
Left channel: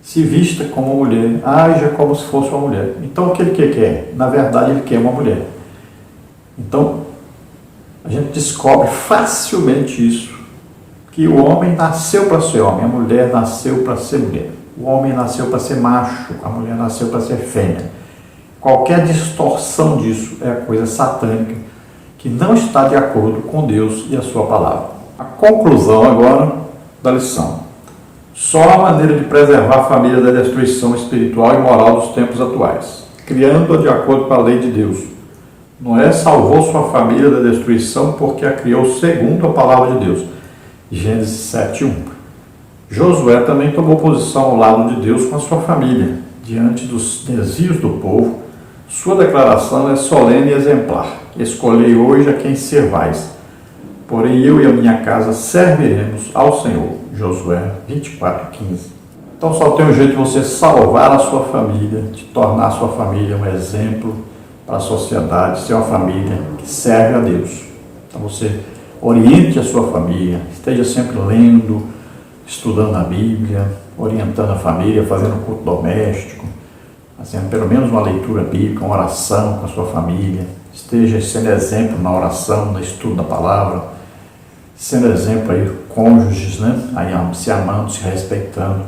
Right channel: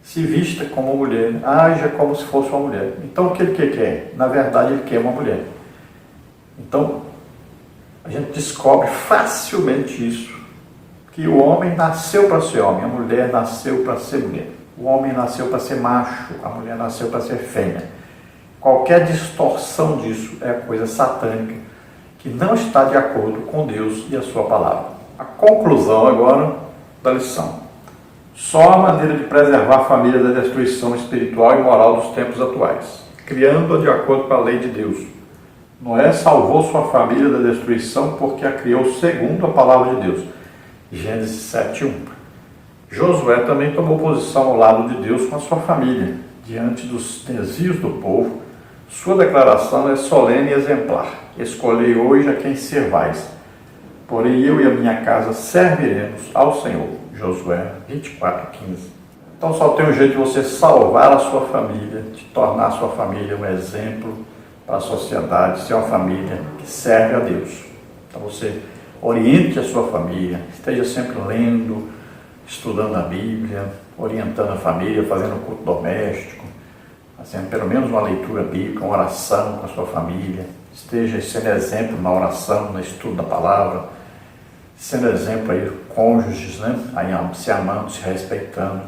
se vista como uma mulher, haja como se fosse uma mulher. Então o que ele quer? Na verdade ele quer uma mulher. Então a gente descobre facilmente isso, que o homem nasceu para ser homem, a mulher nasceu para ser mulher. O homem nasceu para ser macho, a mulher nasceu para ser fêmea. Qualquer distorção disso é coisa satânica, que não está de acordo com Deus e a sua palavra. A conclusão agora da lição. Só há maneira de preservar a família da destruição espiritual e moral dos tempos atuais, criando-a de acordo com a lei de Deus. Noé salvou sua família da destruição porque a criou segundo a palavra de Deus. Gênesis 7:1. Josué também tomou posição ao lado de Deus com a sua família, diante dos desvios do povo. Sua declaração é solene e exemplar. Escolhei hoje a quem servais. Porém eu e a minha casa serviremos ao Senhor. Josué 24:15. Então só tem um jeito de você salvar a sua família, de tornar a sua família um exemplo para a sociedade, ser uma família que serve a Deus. Então você oriente a sua família, esteja sempre lendo, estudando a Bíblia, orientando a família, fazendo culto doméstico, fazendo pelo menos uma leitura bíblica, uma oração com a sua família. Esteja sendo exemplo na oração, no estudo da palavra, sendo exemplo aí, cônjuges, né? Aí, se amando, se respeitando.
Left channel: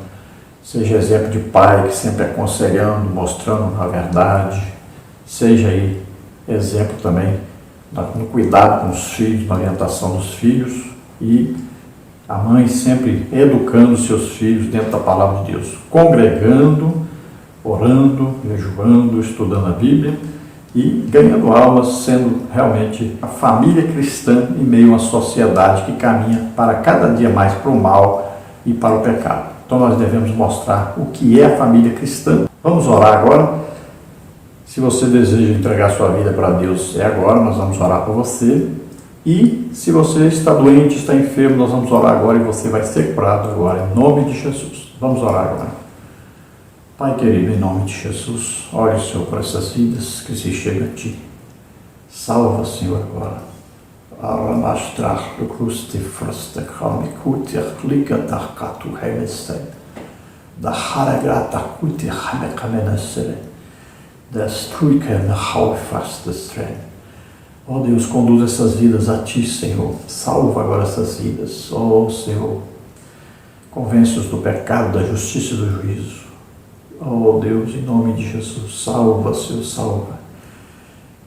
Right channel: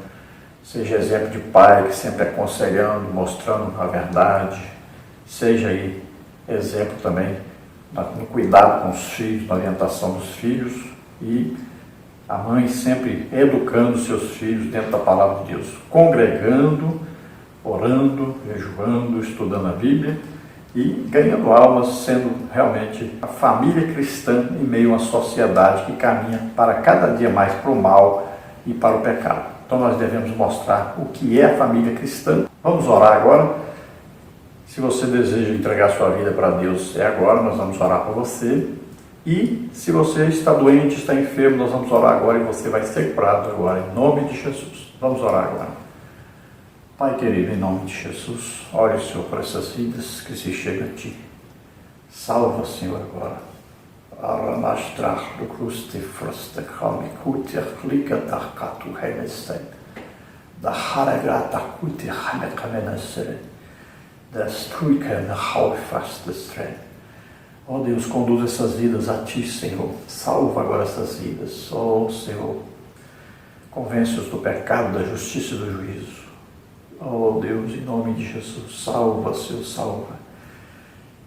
Seja exemplo de pai, que sempre aconselhando, mostrando a verdade. Seja aí exemplo também no cuidado com os filhos, na orientação dos filhos, e a mãe sempre educando seus filhos dentro da palavra de Deus, congregando, orando, jejuando, estudando a Bíblia e ganhando almas, sendo realmente a família cristã em meio a uma sociedade que caminha para cada dia mais para o mal e para o pecado. Então nós devemos mostrar o que é a família cristã. Vamos orar agora. Se você deseja entregar sua vida para Deus, é agora, nós vamos orar por você. E se você está doente, está enfermo, nós vamos orar agora e você vai ser curado agora, em nome de Jesus. Vamos orar agora. Pai querido, em nome de Jesus, olha o Senhor para essas vidas que se chegam a Ti. Salva, Senhor, agora. Aranastrar do cruz de frosta, calme, culte, liga da catu, remestei. Da haragrata, culte, remecamenacere. Destruica na halfast estranha. Ó Deus, conduz essas vidas a Ti, Senhor. Salva agora essas vidas. Ó Senhor, convence-os do pecado, da justiça e do juízo. Ó Deus, em nome de Jesus, salva, Senhor, salva.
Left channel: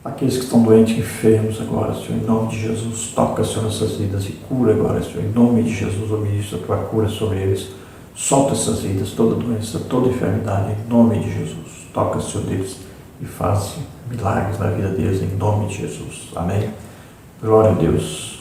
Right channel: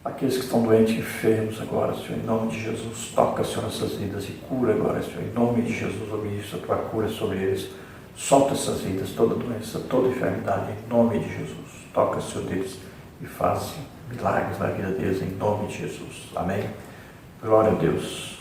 Aqueles que estão doentes, enfermos agora, Senhor, em nome de Jesus, toca, Senhor, nessas vidas e cura agora, Senhor, em nome de Jesus, eu ministro a Tua cura sobre eles. Solta essas vidas, toda doença, toda enfermidade, em nome de Jesus. Toca, Senhor, deles e faça milagres na vida deles, em nome de Jesus. Amém? Glória a Deus.